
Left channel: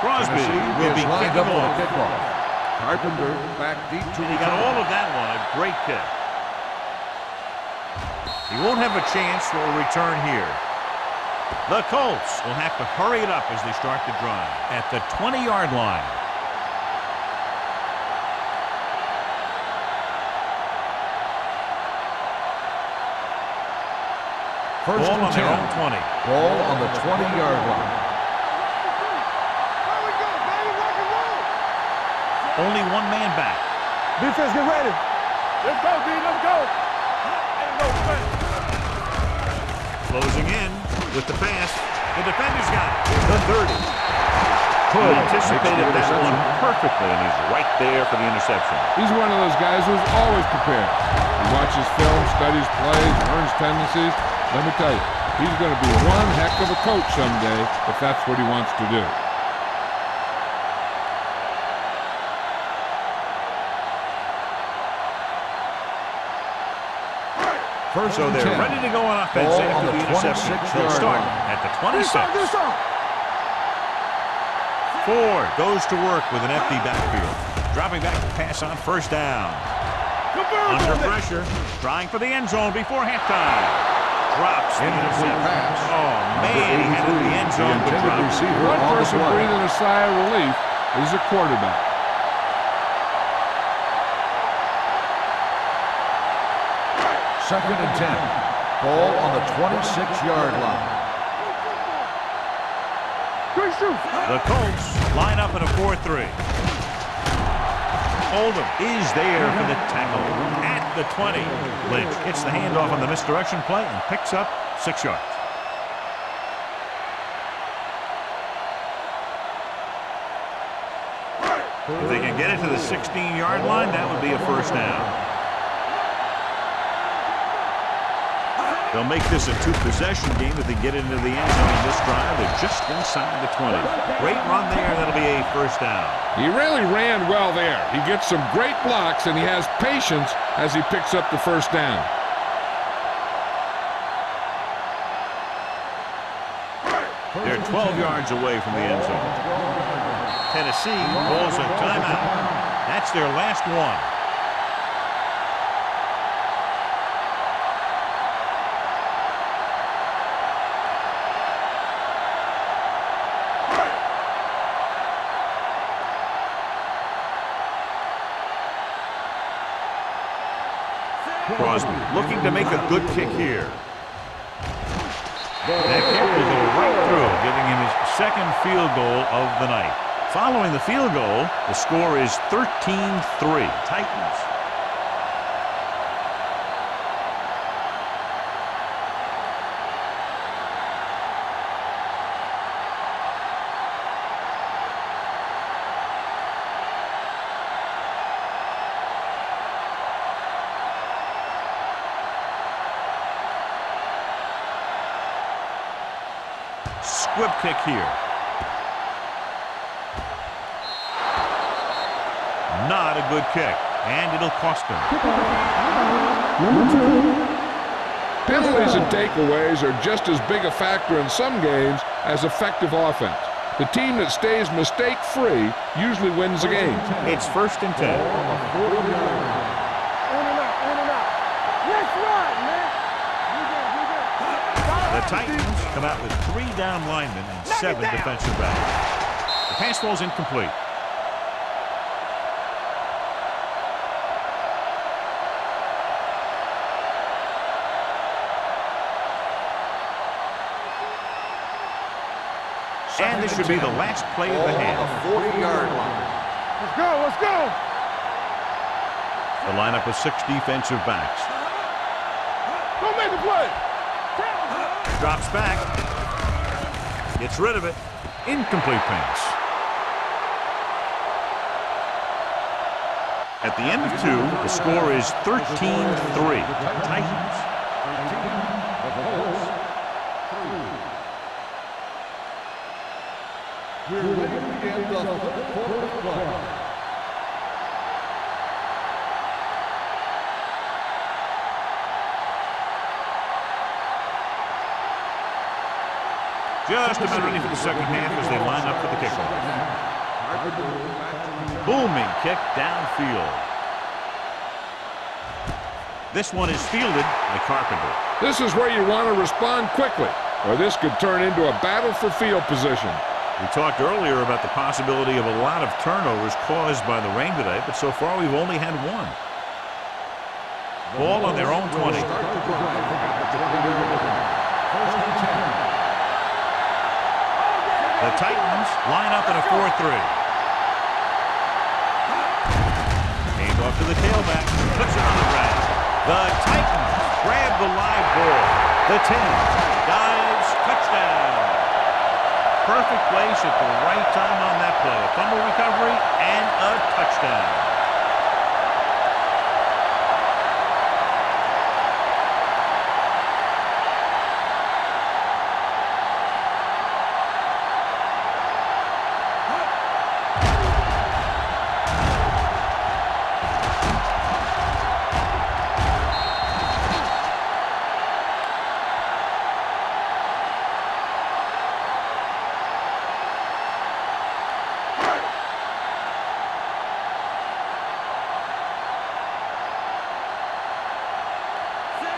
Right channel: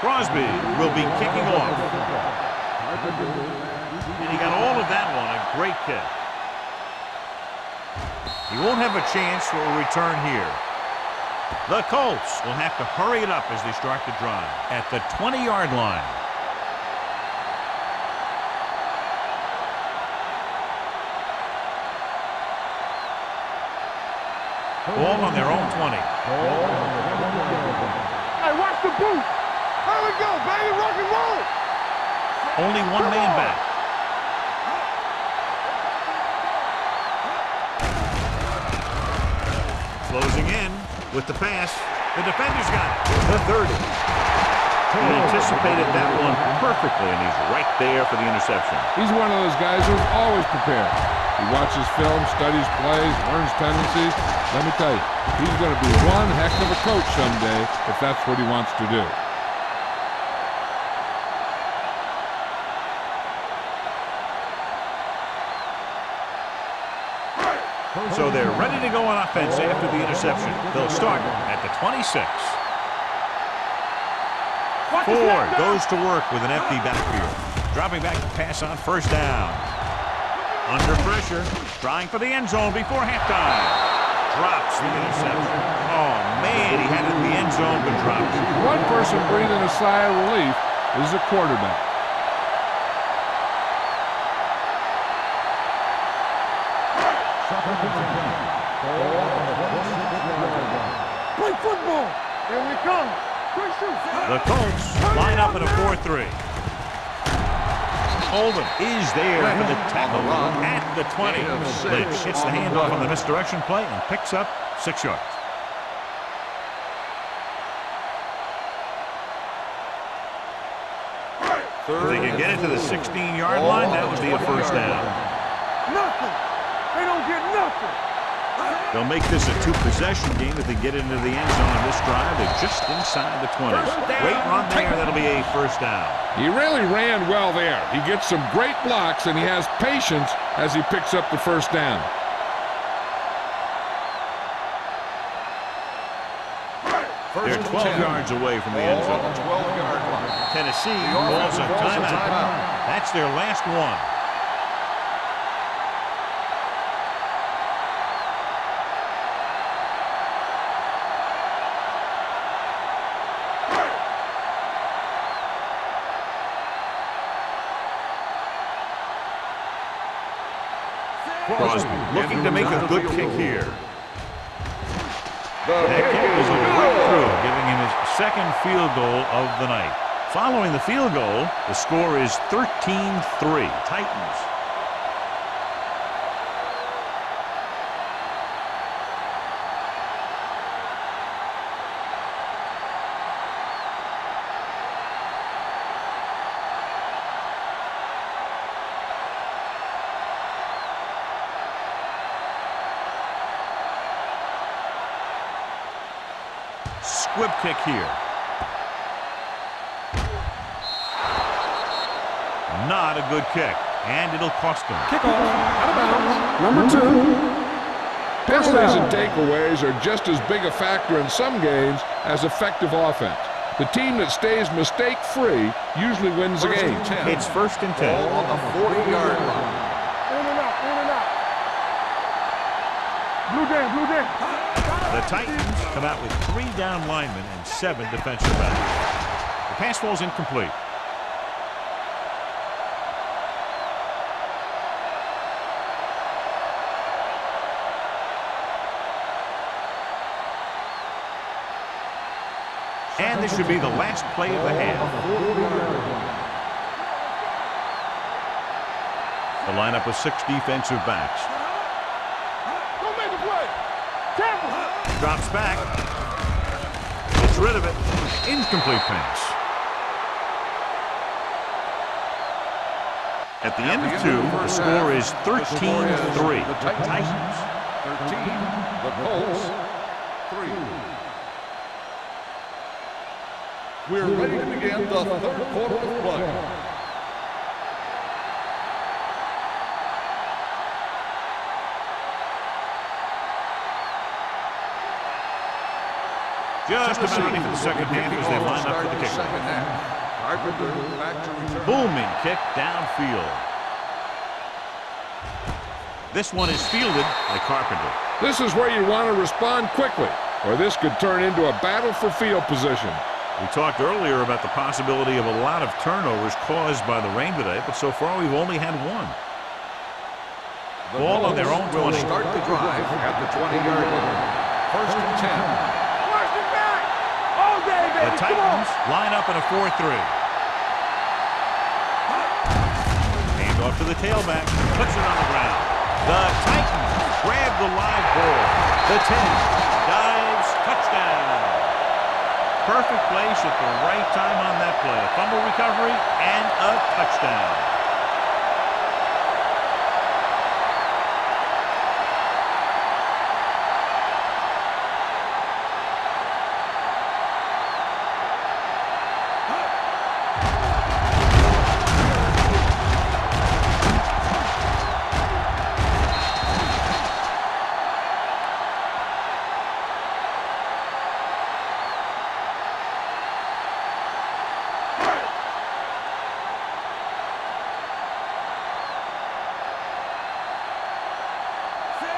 Crosby will be kicking off. Carpenter back deep to And he got all of that one. A great kick. He won't have a chance for a return here. The Colts will have to hurry it up as they start the drive at the 20-yard line. Ball on their own 20. Ball on the 20-yard line. Hey, watch the boot. Here we go, baby. Rock and roll. Only one man back. Defense, get ready. Let's go, D. Let's go. Closing in with the pass. The defender's got it. The 30. He anticipated that one perfectly, and he's right there for the interception. He's one of those guys who's always prepared. He watches film, studies plays, learns tendencies. Let me tell you, he's going to be one heck of a coach someday if that's what he wants to do. So they're ready to go on offense after the interception. They'll start at the 26. Ford goes to work with an empty backfield. Dropping back to pass on first down. Under pressure, trying for the end zone before halftime. Drops the interception. Oh, man, he had it in the end zone, but drops it. One person breathing a sigh of relief is the quarterback. Second and 10. Ball on the 26-yard line. Play football. Here we come. Good shoot. The Colts line up in a 4-3. Oldham is there for the tackle at the 20. Lynch hits the handoff on the misdirection play and picks up 6 yards. If they can get it to the 16-yard line, that would be a first down. They'll make this a 2-possession game if they get into the end zone on this drive. They're just inside the 20. Great run there. That'll be a first down. He really ran well there. He gets some great blocks, and he has patience as he picks up the first down. They're 12 yards away from the end zone. Tennessee calls a timeout. That's their last one. Crosby looking to make a good kick here. That kick will go right through, giving him his second field goal of the night. Following the field goal, the score is 13-3. Titans. Squib kick here. Not a good kick, and it'll cost him. Penalties and takeaways are just as big a factor in some games as effective offense. The team that stays mistake-free usually wins the game. It's 1st and 10. In and out, in and out. Let's ride, man. Blue down, blue down. The Titans come out with 3 down linemen and 7 defensive backs. The pass ball's incomplete. And this should be the last play of the half. 40-yard line. Let's go, let's go. The lineup of 6 defensive backs. Go make the play. Tackle. Drops back. Gets rid of it. Incomplete pass. At the end of 2, the score is 13-3. The Titans 13, the Colts 3. We're ready to begin the third quarter of play. Just about ready for the second half as they line up for the kickoff. Carpenter back to return. Booming kick downfield. This one is fielded by Carpenter. This is where you want to respond quickly, or this could turn into a battle for field position. We talked earlier about the possibility of a lot of turnovers caused by the rain today, but so far we've only had one. Ball on their own 20. Will start the drive at the 20-yard line. First and 10. The Titans line up in a 4-3. Hand off to the tailback. Puts it on the ground. The Titans grab the live ball. The 10 dives. Touchdown. Perfect place at the right time on that play. A fumble recovery and a touchdown.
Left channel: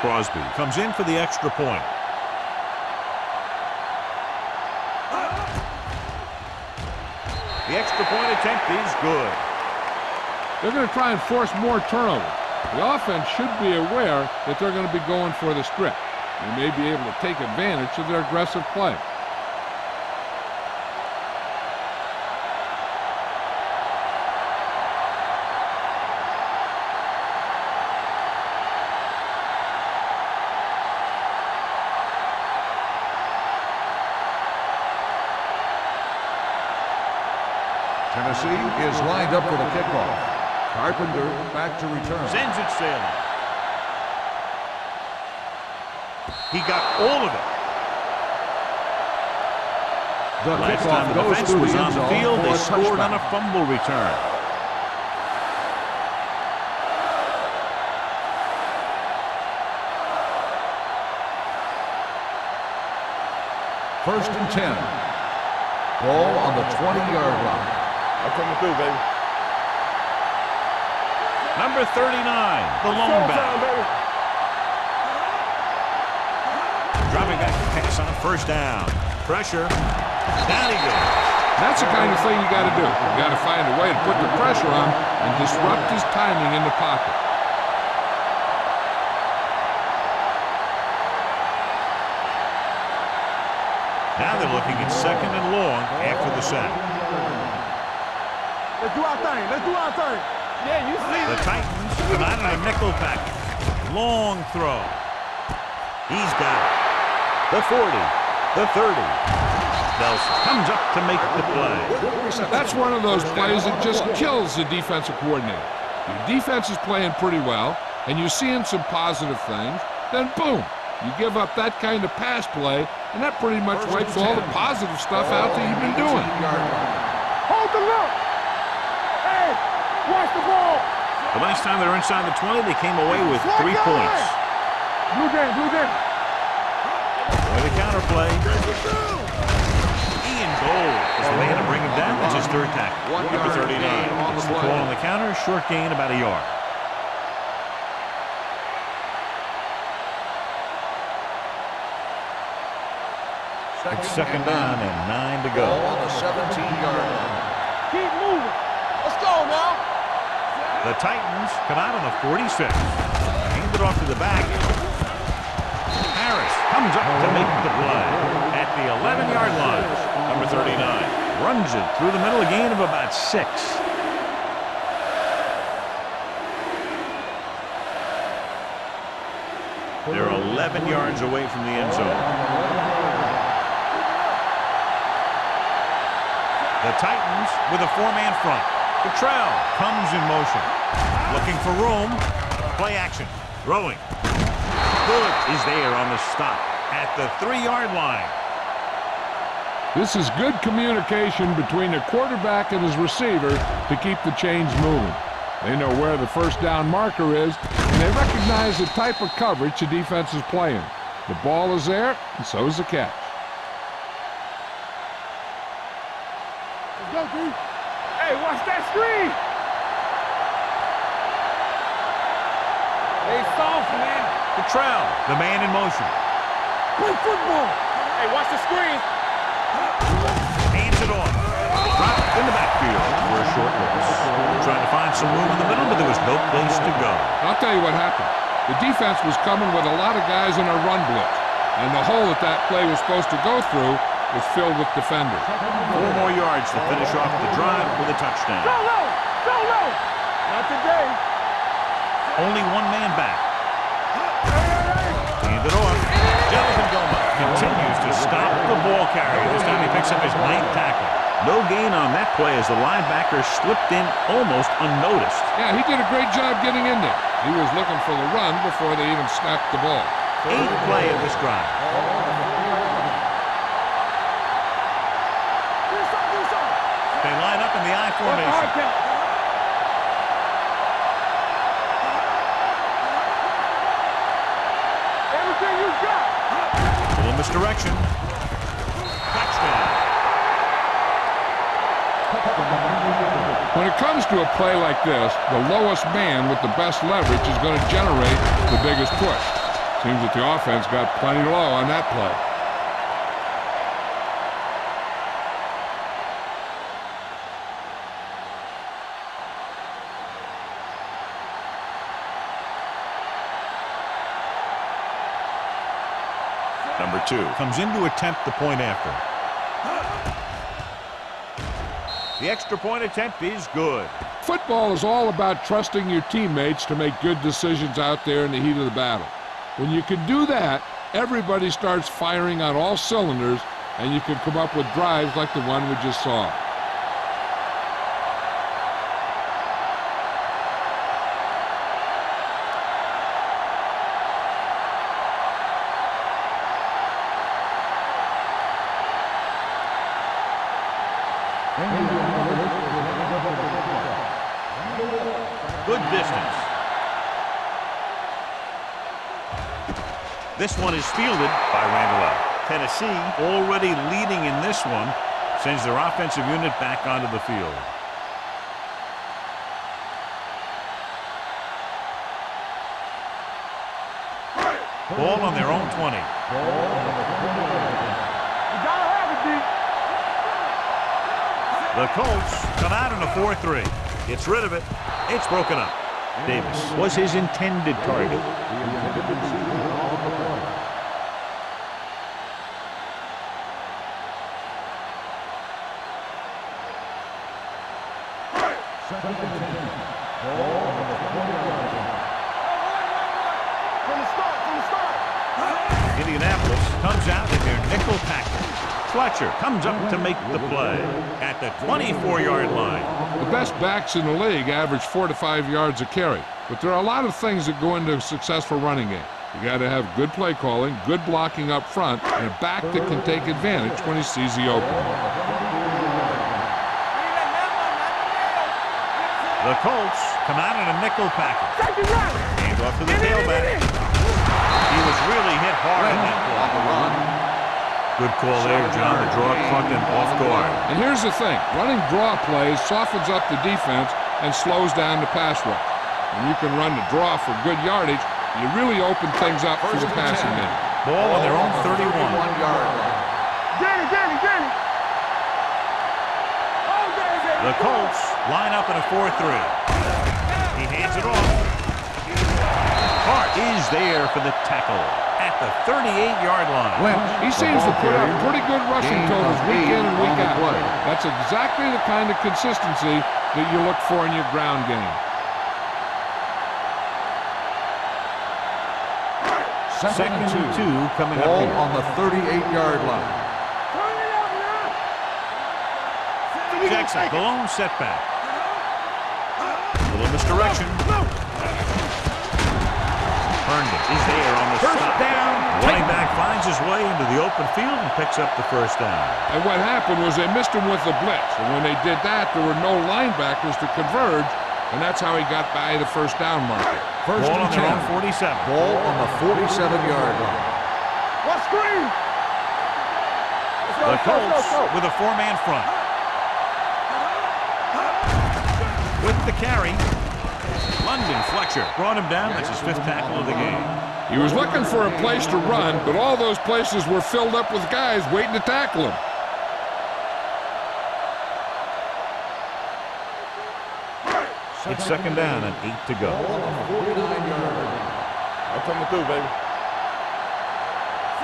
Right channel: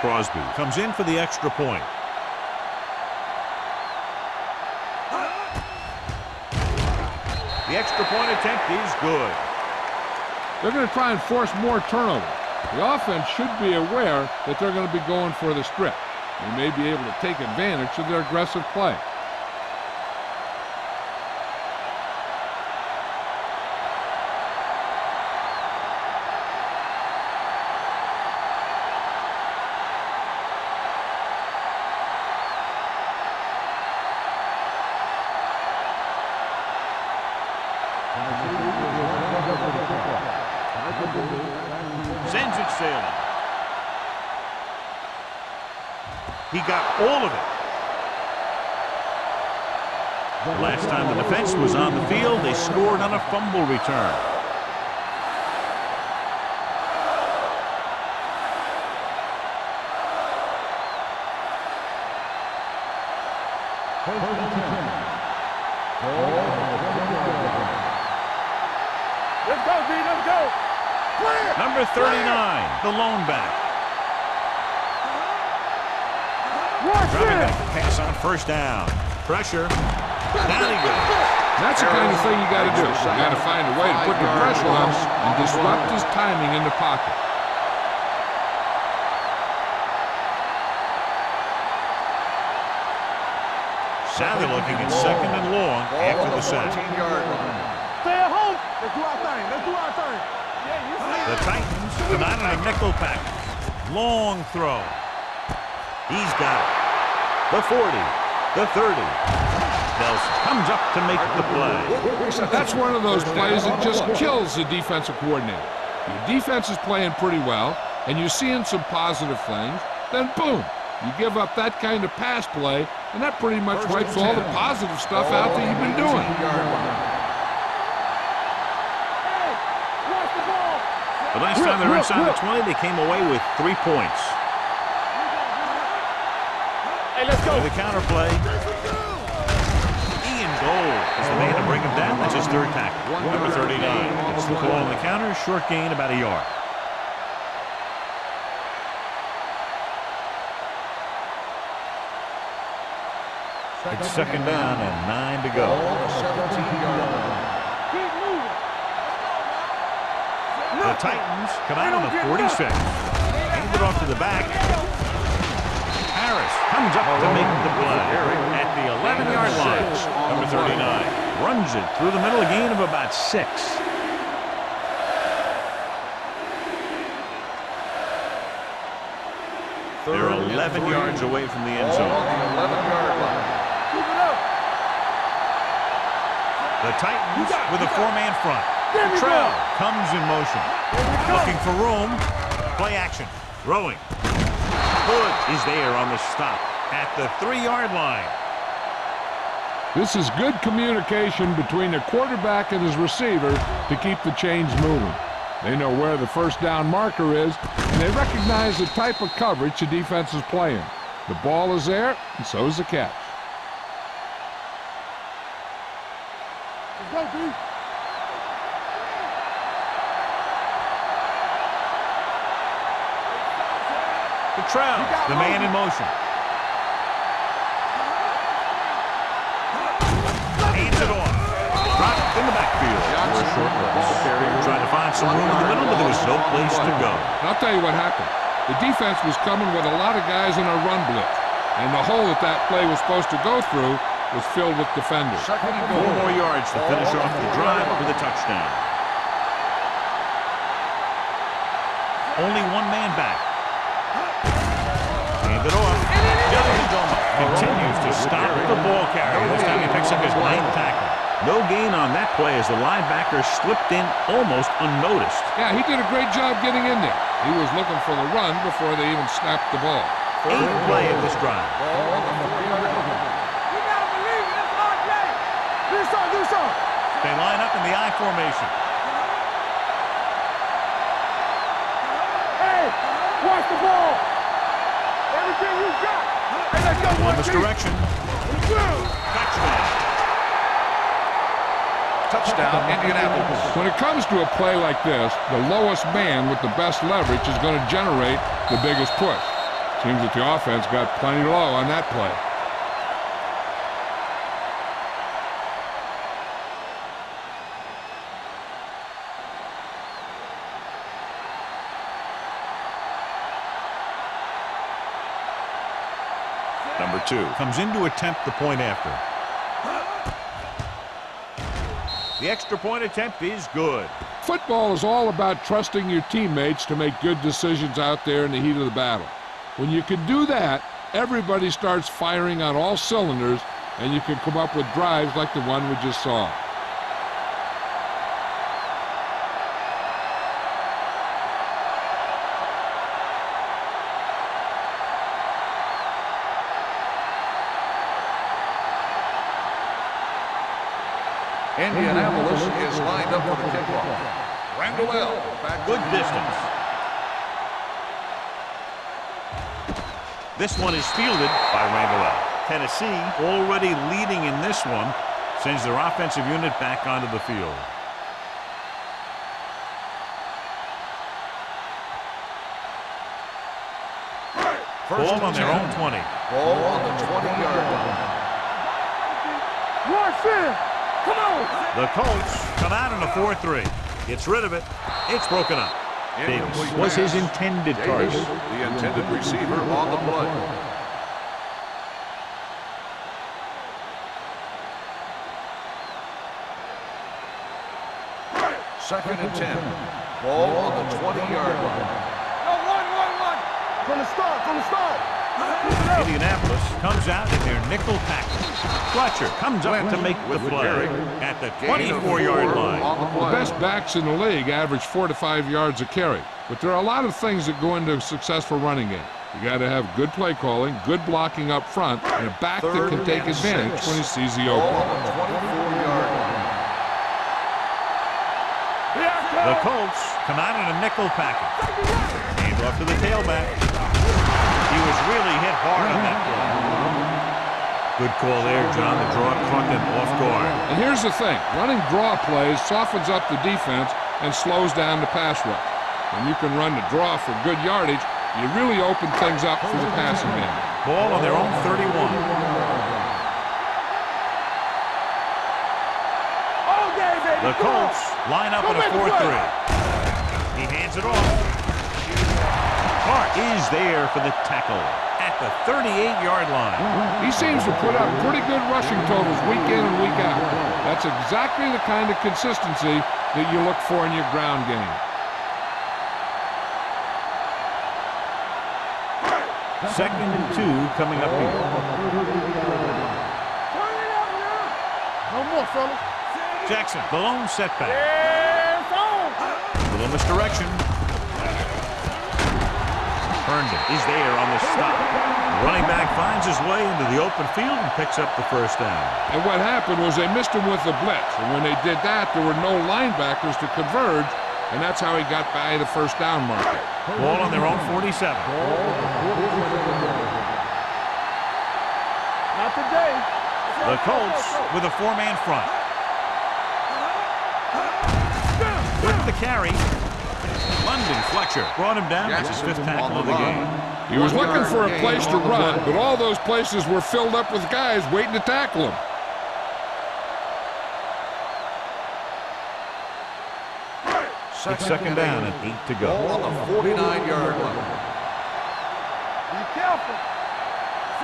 Crosby comes in for the extra point. The extra point attempt is good. They're going to try and force more turnovers. The offense should be aware that they're going to be going for the strip. They may be able to take advantage of their aggressive play. Tennessee is lined up for the kickoff. Carpenter back to return. Sends it sailing. He got all of it. The last time the defense was on the field, they scored on a fumble return. First and 10. Ball on the 20-yard line. Coming through, baby. Let's go, D. Let's go. Number 39, the lone back. Dropping back to pass on first down. Pressure. Down he goes. That's the kind of thing you got to do. You got to find a way to put the pressure on him and disrupt his timing in the pocket. Now they're looking at second and long after the sack. Let's do our thing. Let's do our thing. Yeah, you see The Titans come out in a nickel package. Long throw. He's got it. The 40. The 30. Nelson comes up to make the play. That's one of those plays that just kills the defensive coordinator. Your defense is playing pretty well, and you're seeing some positive things, then boom, you give up that kind of pass play, and that pretty much wipes all the positive stuff out that you've been doing. Hold the look. Hey, watch the ball. The last time they were inside the 20, they came away with 3 points. Blue game, blue game. Hey, let's go. With the counter play, Ian Gold is the man to bring him down. That's his third tackle. Number 39 gets the call on the counter. Short gain, about a yard. It's second down and 9 to go. Ball on the 17-yard line. Keep moving. Let's go now. The Titans come out on the 46. Hand it off to the back. Harris comes up to make the play at the 11-yard line. Number 39 runs it through the middle, a gain of about 6. They're 11 yards away from the end zone. The Titans with a four-man front. Cottrell comes in motion. Looking for room. Play action. Throwing. Hood is there on the stop at the 3-yard line. This is good communication between the quarterback and his receiver to keep the chains moving. They know where the first down marker is, and they recognize the type of coverage the defense is playing. The ball is there, and so is the catch. Let's go, D. Hey, watch that screen. Hey, soft, man. Cottrell, the man in motion. Play football. Hey, watch the screen. Hands it off. Dropped in the backfield for a short loss. Trying to find some room in the middle, but there was no place to go. I'll tell you what happened. The defense was coming with a lot of guys in a run blitz, and the hole that play was supposed to go through was filled with defenders. 4 more yards to finish off the drive with a touchdown. Not today. Only one man back. Hand it off. Jonathan Goma continues to stop the ball carrier. This time he picks up his 9th tackle. No gain on that play as the linebacker slipped in almost unnoticed. Yeah, he did a great job getting in there. He was looking for the run before they even snapped the ball. 8th play of this drive. Ball on the 4-yard line. Do something. They line up in the I formation. Hey, watch the ball. Everything you got. Little misdirection. Touchdown. Touchdown, Indianapolis. When it comes to a play like this, the lowest man with the best leverage is going to generate the biggest push. Seems that the offense got plenty low on that play. Number 2 comes in to attempt the point after. The extra point attempt is good. Football is all about trusting your teammates to make good decisions out there in the heat of the battle. When you can do that, everybody starts firing on all cylinders, and you can come up with drives like the one we just saw. Indianapolis is lined up for the kickoff. Randall back. Good distance. This one is fielded by Randall. Tennessee, already leading in this one, sends their offensive unit back onto the field. Ball on their own 20. Ball on the 20-yard line. You gotta have it, D. Rush in. Come on. The Colts come out in a 4-3. Gets rid of it. It's broken up. Davis was his intended target. Davis, the intended receiver on the play. Second and 10. Ball on the 20-yard line. Go, run. From the start. Indianapolis comes out in their nickel package. Fletcher comes up to make the play at the 24-yard line. The best backs in the league average 4 to 5 yards a carry, but there are a lot of things that go into a successful running game. You got to have good play calling, good blocking up front, and a back that can take advantage when he sees the opening. The Colts come out in a nickel package. Hand off to the tailback. He was really hit hard on that play. Good call there, John. The draw caught them off guard. And here's the thing. Running draw plays softens up the defense and slows down the pass rush. When you can run the draw for good yardage, you really open things up for the passing game. Ball on their own 31. The Colts line up in a 4-3. He hands it off. Hart is there for the tackle at the 38-yard line. He seems to put up pretty good rushing totals week in and week out. That's exactly the kind of consistency that you look for in your ground game. Second and 2 coming up here. On the 38-yard line. Turn it out now. One more, fella. Jackson, the lone setback. A little misdirection. Herndon is there on the stop. The running back finds his way into the open field and picks up the first down. And what happened was they missed him with the blitz. And when they did that, there were no linebackers to converge, and that's how he got by the first down marker. Ball on their own 47. Ball on the 47-yard line. What screen? Not today. The Colts with a four-man front. With the carry, London Fletcher brought him down. That's his fifth tackle of the game. He was looking for a place to run, but all those places were filled up with guys waiting to tackle him. It's second down and 8 to go. Ball on the 49-yard line. I'm coming through, baby.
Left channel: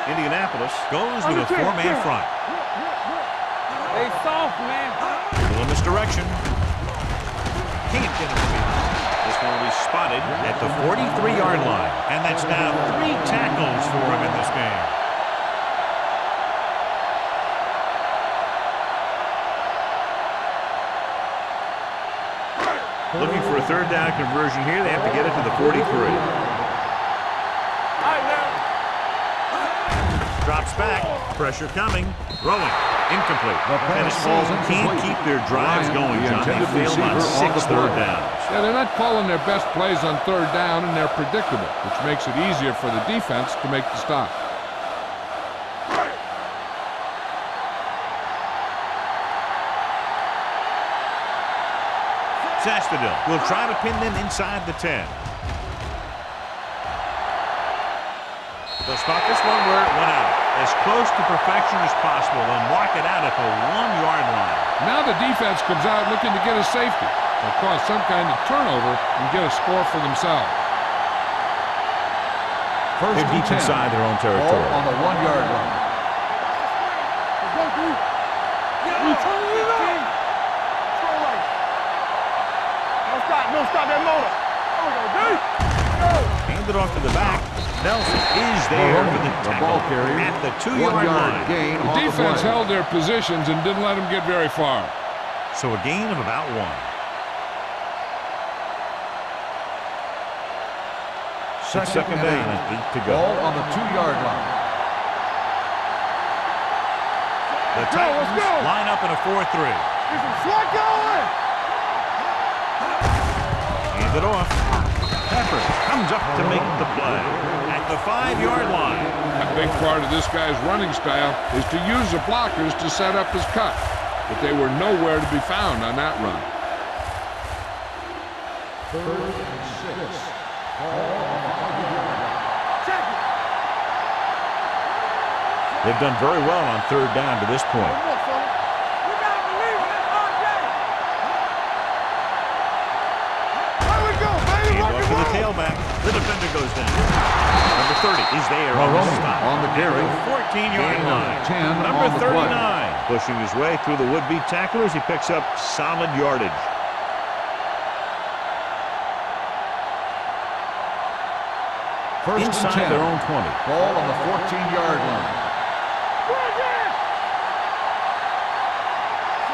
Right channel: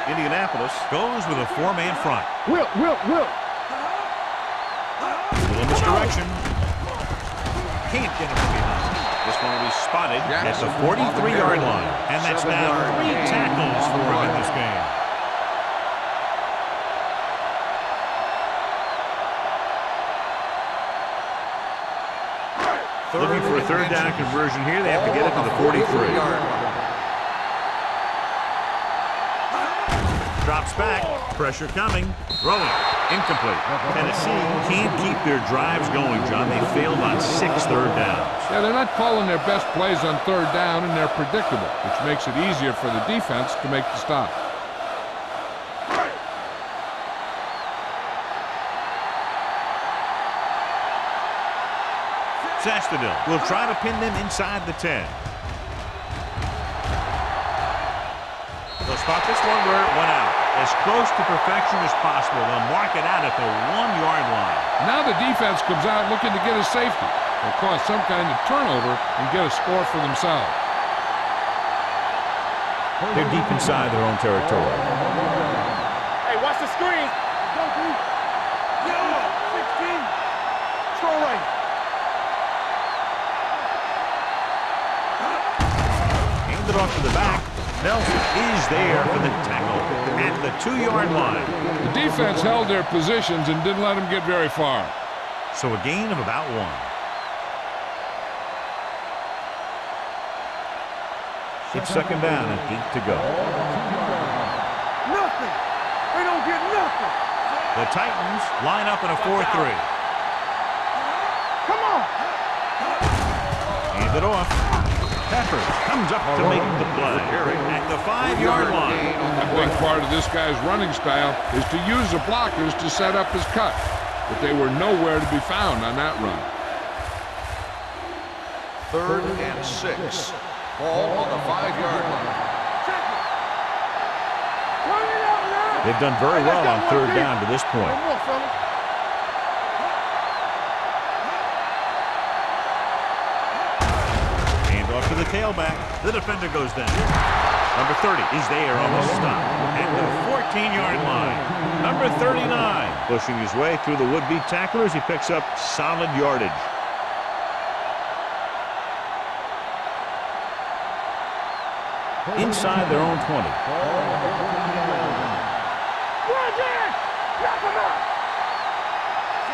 Indianapolis goes with a four-man front. Whip. Hey, soft, man. A little misdirection. Can't get him from behind. This one will be spotted at the 43-yard line. And that's now 3 tackles for him in this game. Looking for a third down conversion here. They have to get it to the 43. Drops back. Pressure coming. Throwing. Incomplete. Tennessee can't keep their drives going, John. They failed on 6 third downs. Yeah, they're not calling their best plays on third down, and they're predictable, which makes it easier for the defense to make the stop. Sastadil will try to pin them inside the 10. They'll spot this one where it went out. As close to perfection as possible. They'll mark it out at the 1-yard line. Now the defense comes out looking to get a safety. They'll cause some kind of turnover and get a score for themselves. They're deep inside their own territory. Ball on the 1-yard line. Hey, watch the screen. Let's go, D. Yo, 16. Scroll right. No, stop that motor. Hand it off to the back. Nelson is there for the tackle at the 2-yard line. The defense held their positions and didn't let them get very far. So a gain of about 1. It's second down and 8 to go. Ball on the 2-yard line. Nothing. They don't get nothing. The Titans line up in a 4-3. Slack on. Come on. Hand it off. Peppers comes up to make the play at the 5-yard line. A big part of this guy's running style is to use the blockers to set up his cut, but they were nowhere to be found on that run. 3rd and 6. Ball on the 5-yard line. Check it. They've done very well on third down to this point. One more, fellas. Hand off to the tailback. The defender goes down. Number 30 is there on the stop at the 14-yard line. Number 39 pushing his way through the would-be tacklers. He picks up solid yardage. Inside their own 20. Ball on the 14-yard line.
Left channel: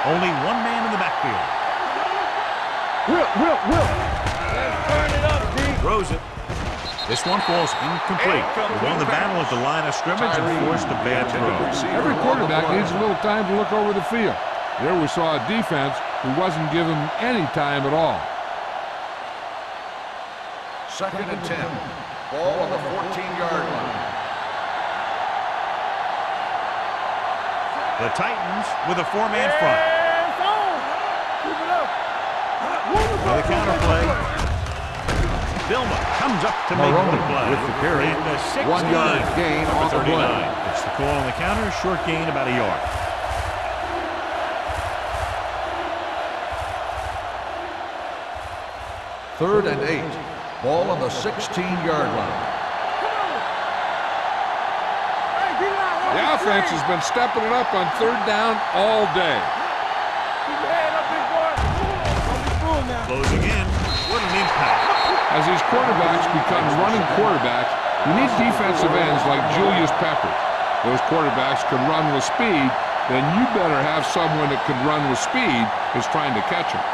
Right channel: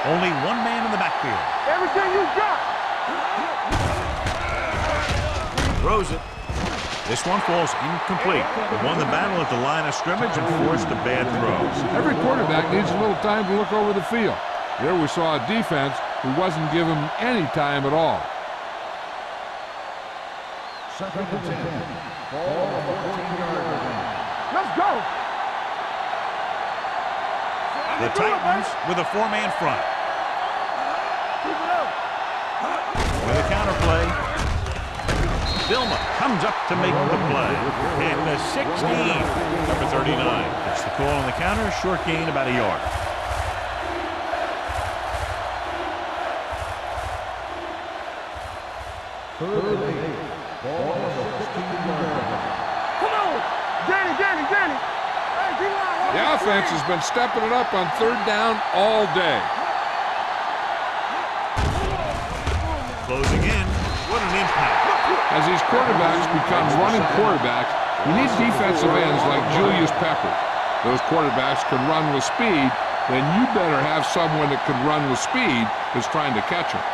Only one man in the backfield. Everything we got. Turn it up, D. Throws it. This one falls incomplete. They won the battle at the line of scrimmage and forced a bad throw. Every quarterback needs a little time to look over the field. There we saw a defense who wasn't given any time at all. 2nd and 10. Ball on the 14-yard line. Let's go. The Titans with a 4-man front. Keep it up. With a counterplay. Dilma comes up to make the play. At the 16, number 39. It's the call on the counter. Short gain, about a yard. Third and 8. Ball on the 16-yard line. Come on. Danny. Hey, D-line. The offense has been stepping it up on third down all day. Keep your head up, big boy. Don't be fooled now. Closing in. What an impact. As these quarterbacks become running quarterbacks, you need defensive ends like Julius Peppers. Those quarterbacks can run with speed, then you better have someone that can run with speed that's trying to catch him.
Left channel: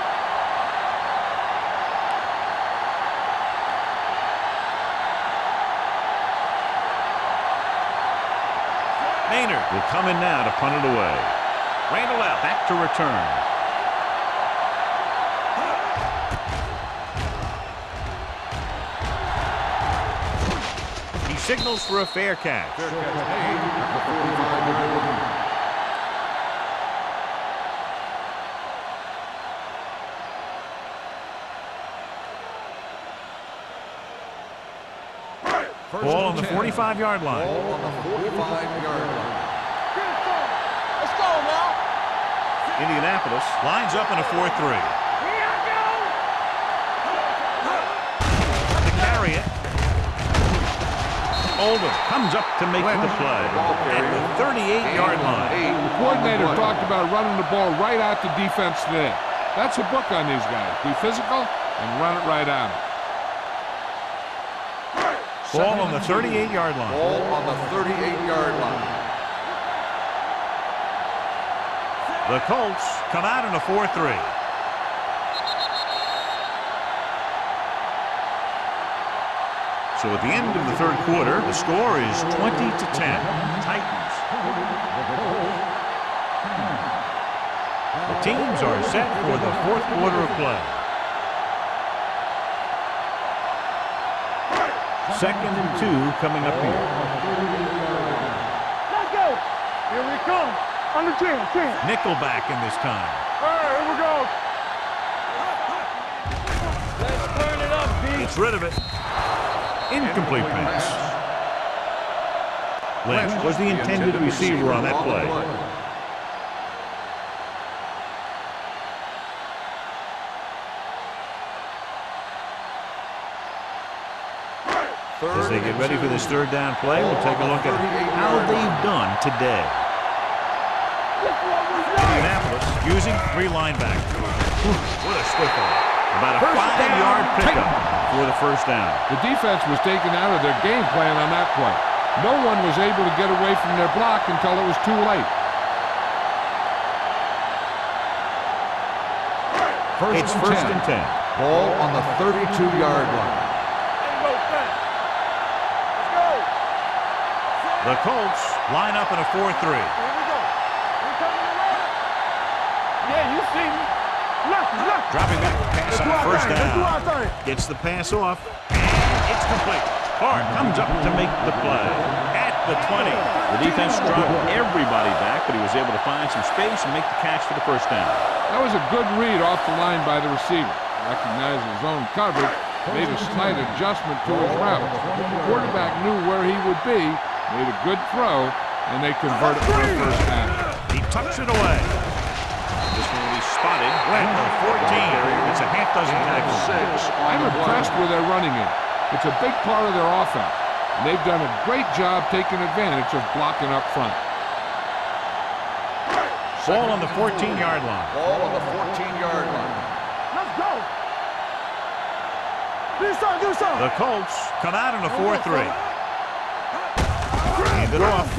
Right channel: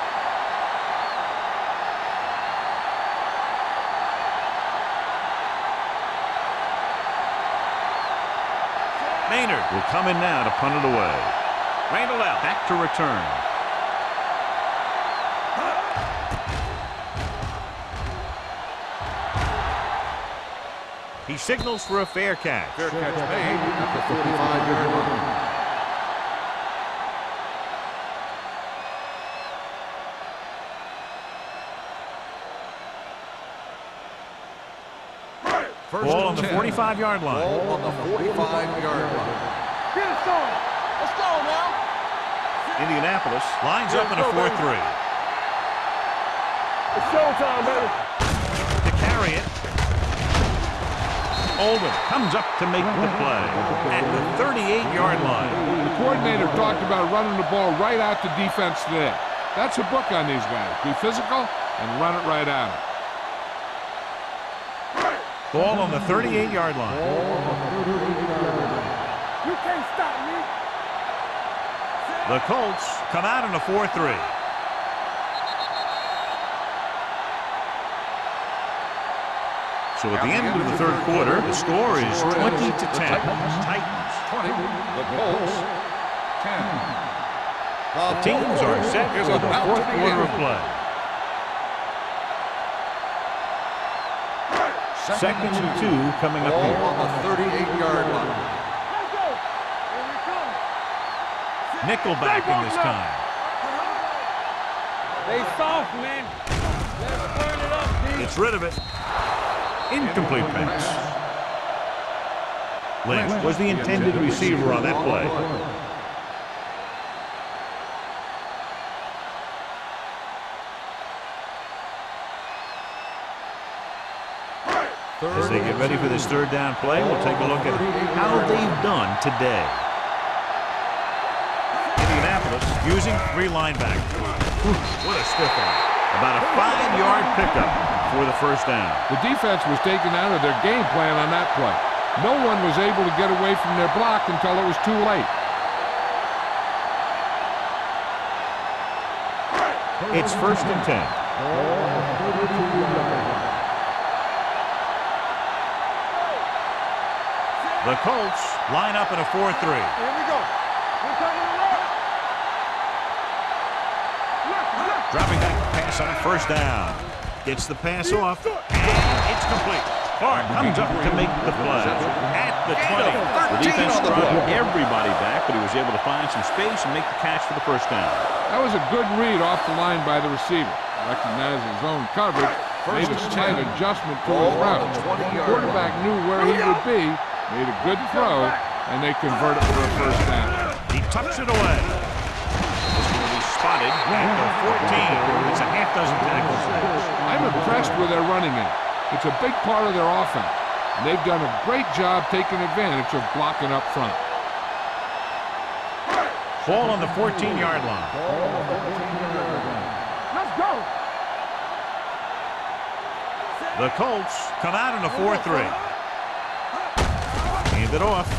Maynard will come in now to punt it away. Randall out back to return. He signals for a fair catch. Fair catch made at the 45-yard line. Ball on the 45-yard line. Ball on the 45-yard line. Get it started. Let's go now. Indianapolis lines up in a 4-3. To carry it. Oldham comes up to make the play at the 38-yard line. The coordinator talked about running the ball right out to defense today. That's a book on these guys. Be physical and run it right at them. Ball on the 38-yard line. Ball on the 38-yard line. You can't stop me. The Colts come out in a 4-3. So at the end of the third quarter, the score is 20-10. Titans. 20. The Colts 10. The teams are set for the fourth quarter of play. Second and 2 coming up here. On the 38-yard line. Let's go. Here we come. On the 10. Nickelback in this time. Here we go. They soft, man. Let's turn it up, D. Gets rid of it. Incomplete pass. Lynch was the intended receiver on that play. As they get ready for this third down play, we'll take a look at how they've done today. Indianapolis using 3 linebackers. What a stiff one. About a 5-yard pickup for the first down. The defense was taken out of their game plan on that play. No one was able to get away from their block until it was too late. It's first and 10. Ball on the 32-yard line. The Colts line up in a 4-3. Here we go. We coming around. Yeah, you see me. Left. Dropping back to pass on first down. Gets the pass off, and it's complete. Clark comes up to make the play at the 20. The defense dropped everybody back, but he was able to find some space and make the catch for the first down. That was a good read off the line by the receiver. Recognized his own coverage, made a slight adjustment to his route. The quarterback knew where he would be, made a good throw, and they converted for a first down. He tucks it away. This one will be spotted at the 14. It's a half dozen tackles. I'm impressed with their running game. It's a big part of their offense, and they've done a great job taking advantage of blocking up front. Ball on the 14-yard line. Ball on the 14-yard line. Let's go. Do something. The Colts come out in a 4-3. Hand it off.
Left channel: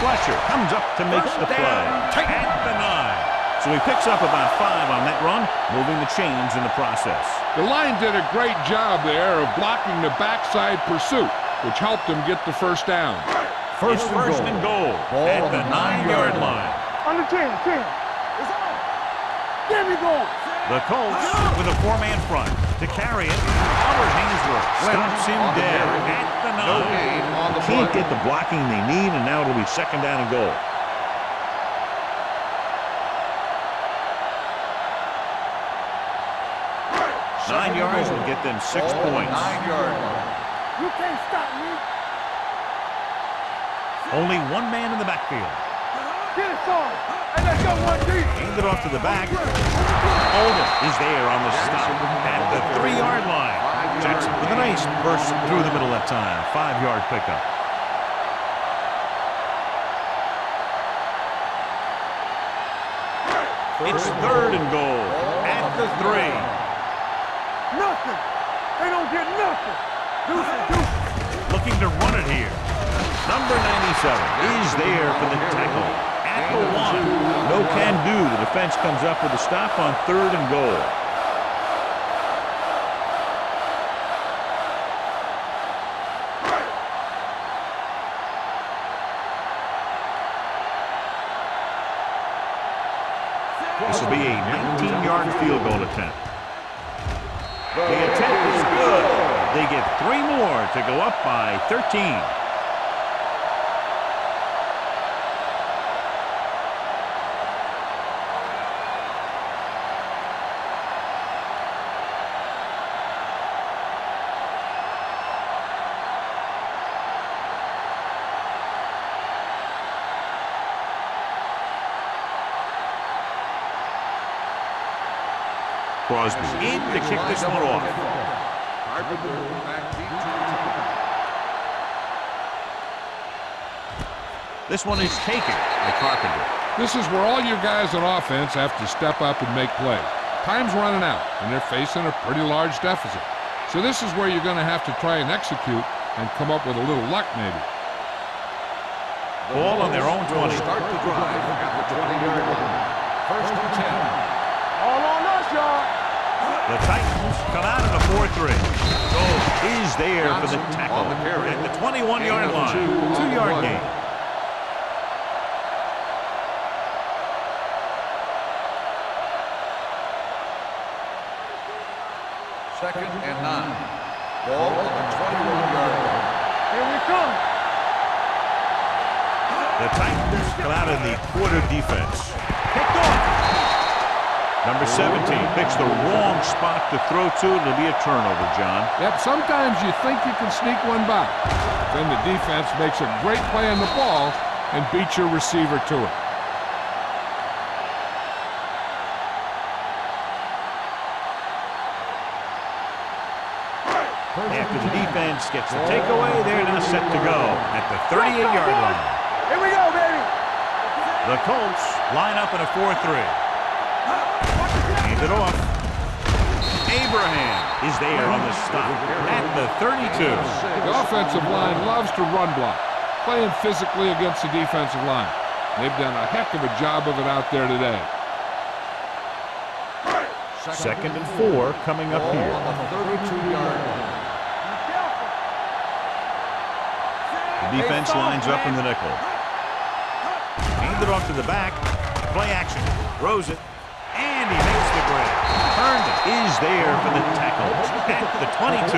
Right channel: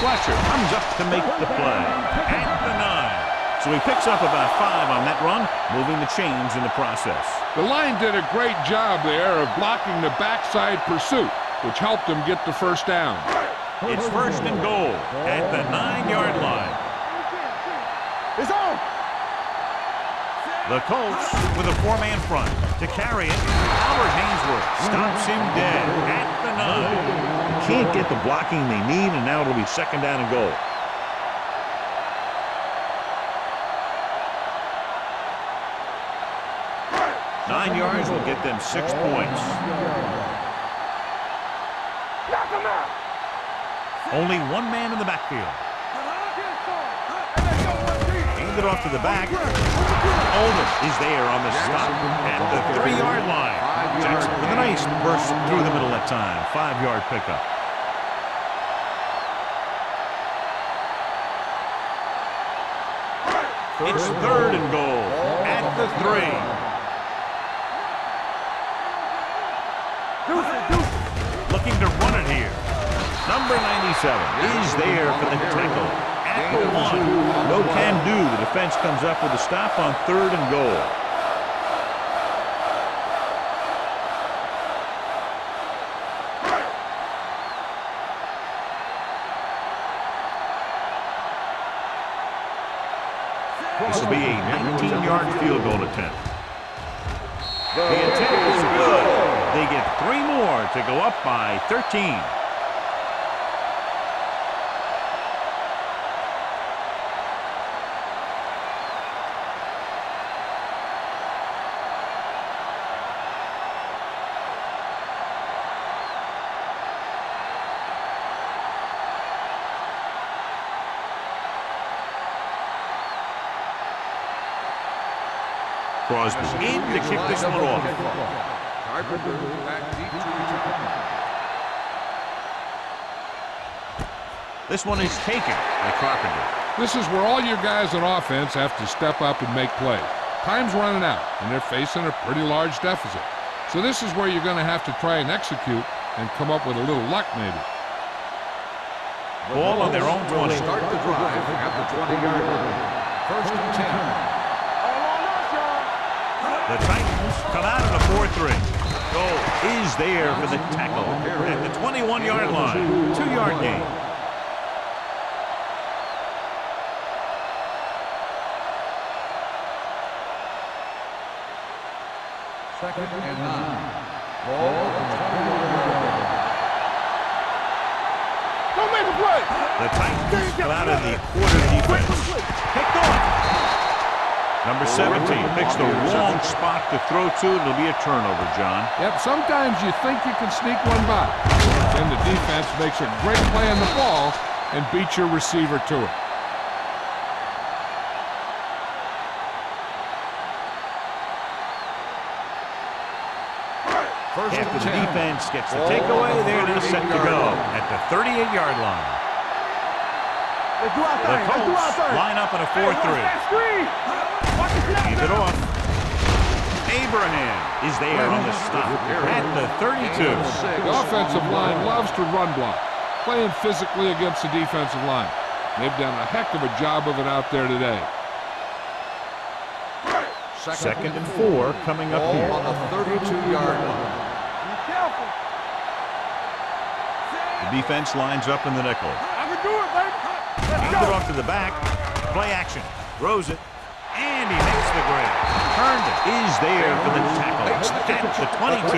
Fletcher comes up to make the play at the 9. So he picks up about 5 on that run, moving the chains in the process. The line did a great job there of blocking the backside pursuit, which helped them get the first down. It's first and goal at the 9-yard line. On the 10. It's on. There we go. The Colts with a 4-man front. To carry it, Albert Hainsworth stops him dead at the 9. They can't get the blocking they need, and now it'll be second down and goal. Nine yards will get them 6 points. 9-yard line. You can't stop me. Knock him out. Only one man in the backfield. Get it started. And let's go 1 deep. Hand it off to the back. Oldham is there on the stop at the 3-yard line. Jackson with a nice burst through the middle that time. 5-yard pickup. It's third and goal at the 3. Nothing. They don't get nothing. Deuce. Looking to run it here. Number 97 is there for the tackle at the 1. No can do. The defense comes up with a stop on 3rd and goal. This will be a 19-yard field goal attempt. The attempt is good. They get 3 more to go up by 13. Crosby in to kick this one off. Carpenter back deep to return. This one is taken by Carpenter. This is where all your guys on offense have to step up and make plays. Time's running out, and they're facing a pretty large deficit. So this is where you're going to have to try and execute and come up with a little luck maybe. Ball on their own 20. Start the drive at the 20-yard line. 1st and 10. All on us, y'all. The Titans come out in a 4-3. Goal is there for the tackle at the 21-yard line. 2-yard gain. Second and 9. Ball on the 21-yard line. Here we come. Go make a play. The Titans come out in the quarter defense. Picked off. Number 17 picks the wrong spot to throw to. It'll be a turnover, John. Yep, sometimes you think you can sneak one by. Then the defense makes a great play on the ball and beats your receiver to it. After the defense gets the takeaway, they're now set to go at the 38-yard line. Here we go, baby. The Colts line up in a 4-3. Hand it off. Abraham is there on the stop at the 32. The offensive line loves to run block, playing physically against the defensive line. They've done a heck of a job of it out there today. 2nd and 4 coming up here. On the 32-yard line. Be careful. The defense lines up in the nickel. Hand it off to the back. Play action. Throws it. And he makes the grab. Herndon is there for the tackle at the 22.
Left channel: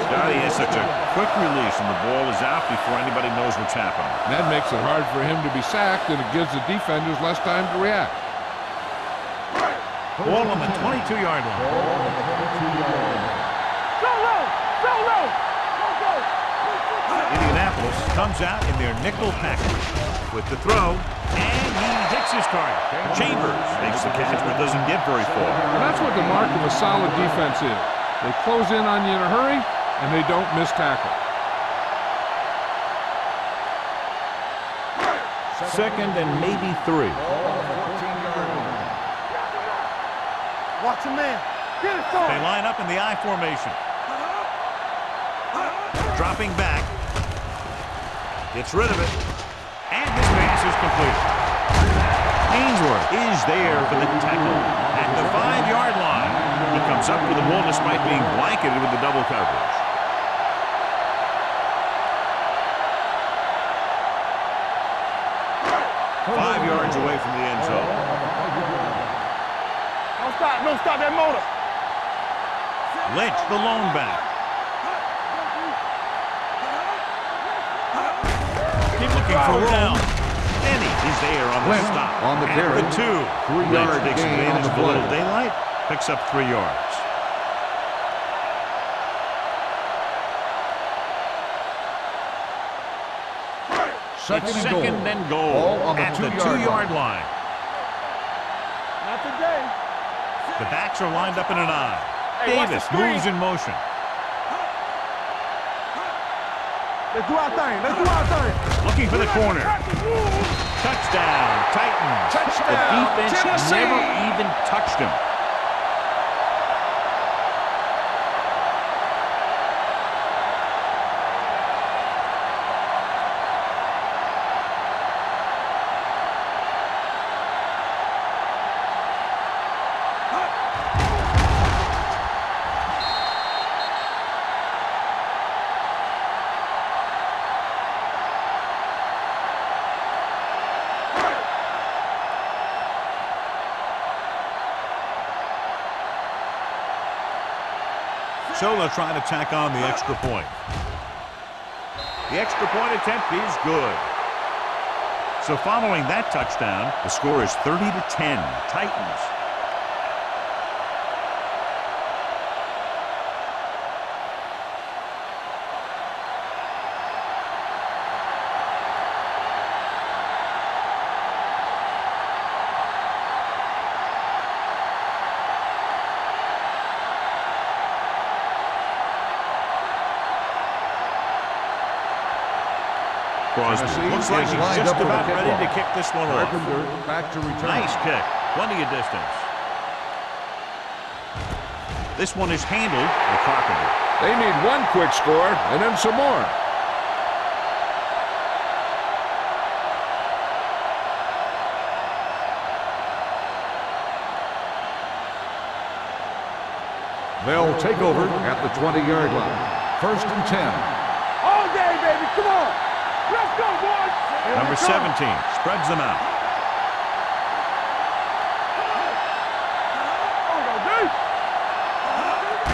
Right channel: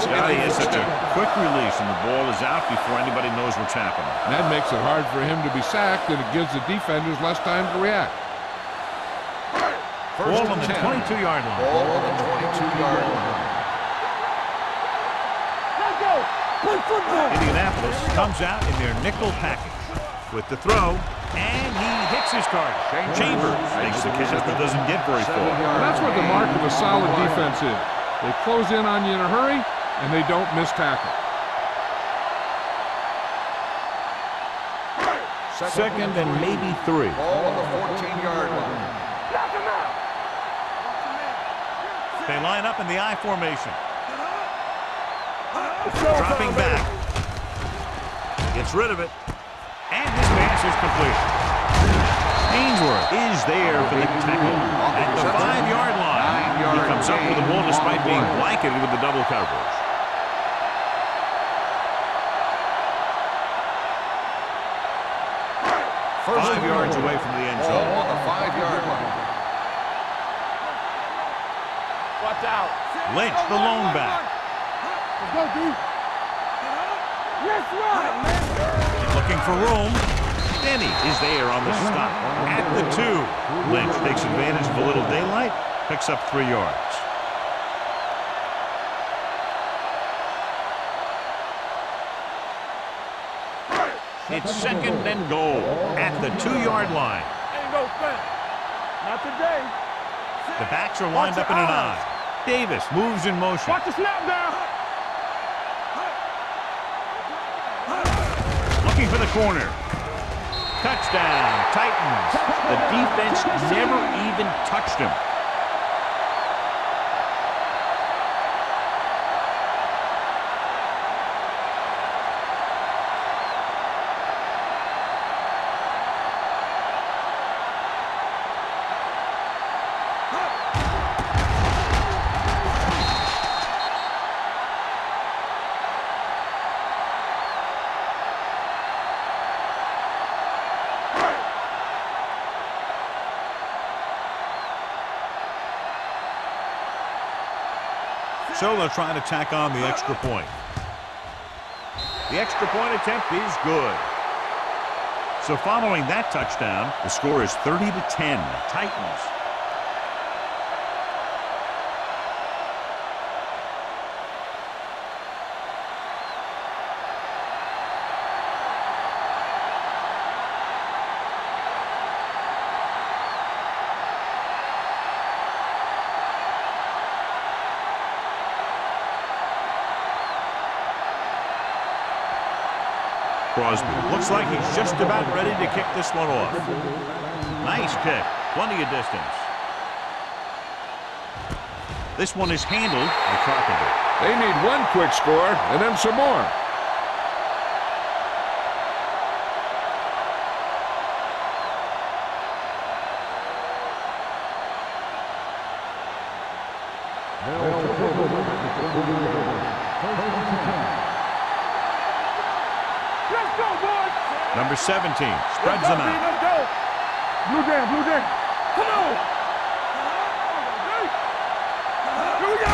Scotty has such a quick release, and the ball is out before anybody knows what's happening. That makes it hard for him to be sacked, and it gives the defenders less time to react. Ball on the 22-yard line. Indianapolis comes out in their nickel package with the throw, and he hits his target. Chambers makes the catch, but doesn't get very far. And that's what the mark of a solid defense is. They close in on you in a hurry, and they don't miss tackle. 2nd and maybe 3. Ball on the 14-yard line. Watch him in. Get it, They line up in the I formation. Dropping back. Gets rid of it. And this pass is complete. Ainsworth is there for the tackle at the 5-yard line. He comes up with the ball despite being blanketed with the double coverage. Five yards away from the end zone. Don't stop that motor. Watch out. Lynch, the lone back. Go, D. Looking for room. Denny is there on the stop at the 2. Lynch takes advantage of a little daylight, picks up 3 yards. It's 2nd and goal at the 2-yard line. Ain't no fun. Not today. The backs are lined up in an I. Davis moves in motion. Watch the snap down. Let's do our thing. Let's do our thing. Looking for the corner. Touchdown, Titans. The defense never even touched him. So they'll try to tack on the extra point. The extra point attempt is good. So following that touchdown, the score is 30-10, Titans. Crosby looks like he's just about ready to kick this one off. Nice kick. Plenty of distance. This one is handled by Carpenter. They need one quick score and then some more. They'll take over at the 20-yard line. 1st and 10. All day, baby. Come on. Let's go, boys. Number 17 spreads them out. Blue game, blue game. Come on. Oh, no, D.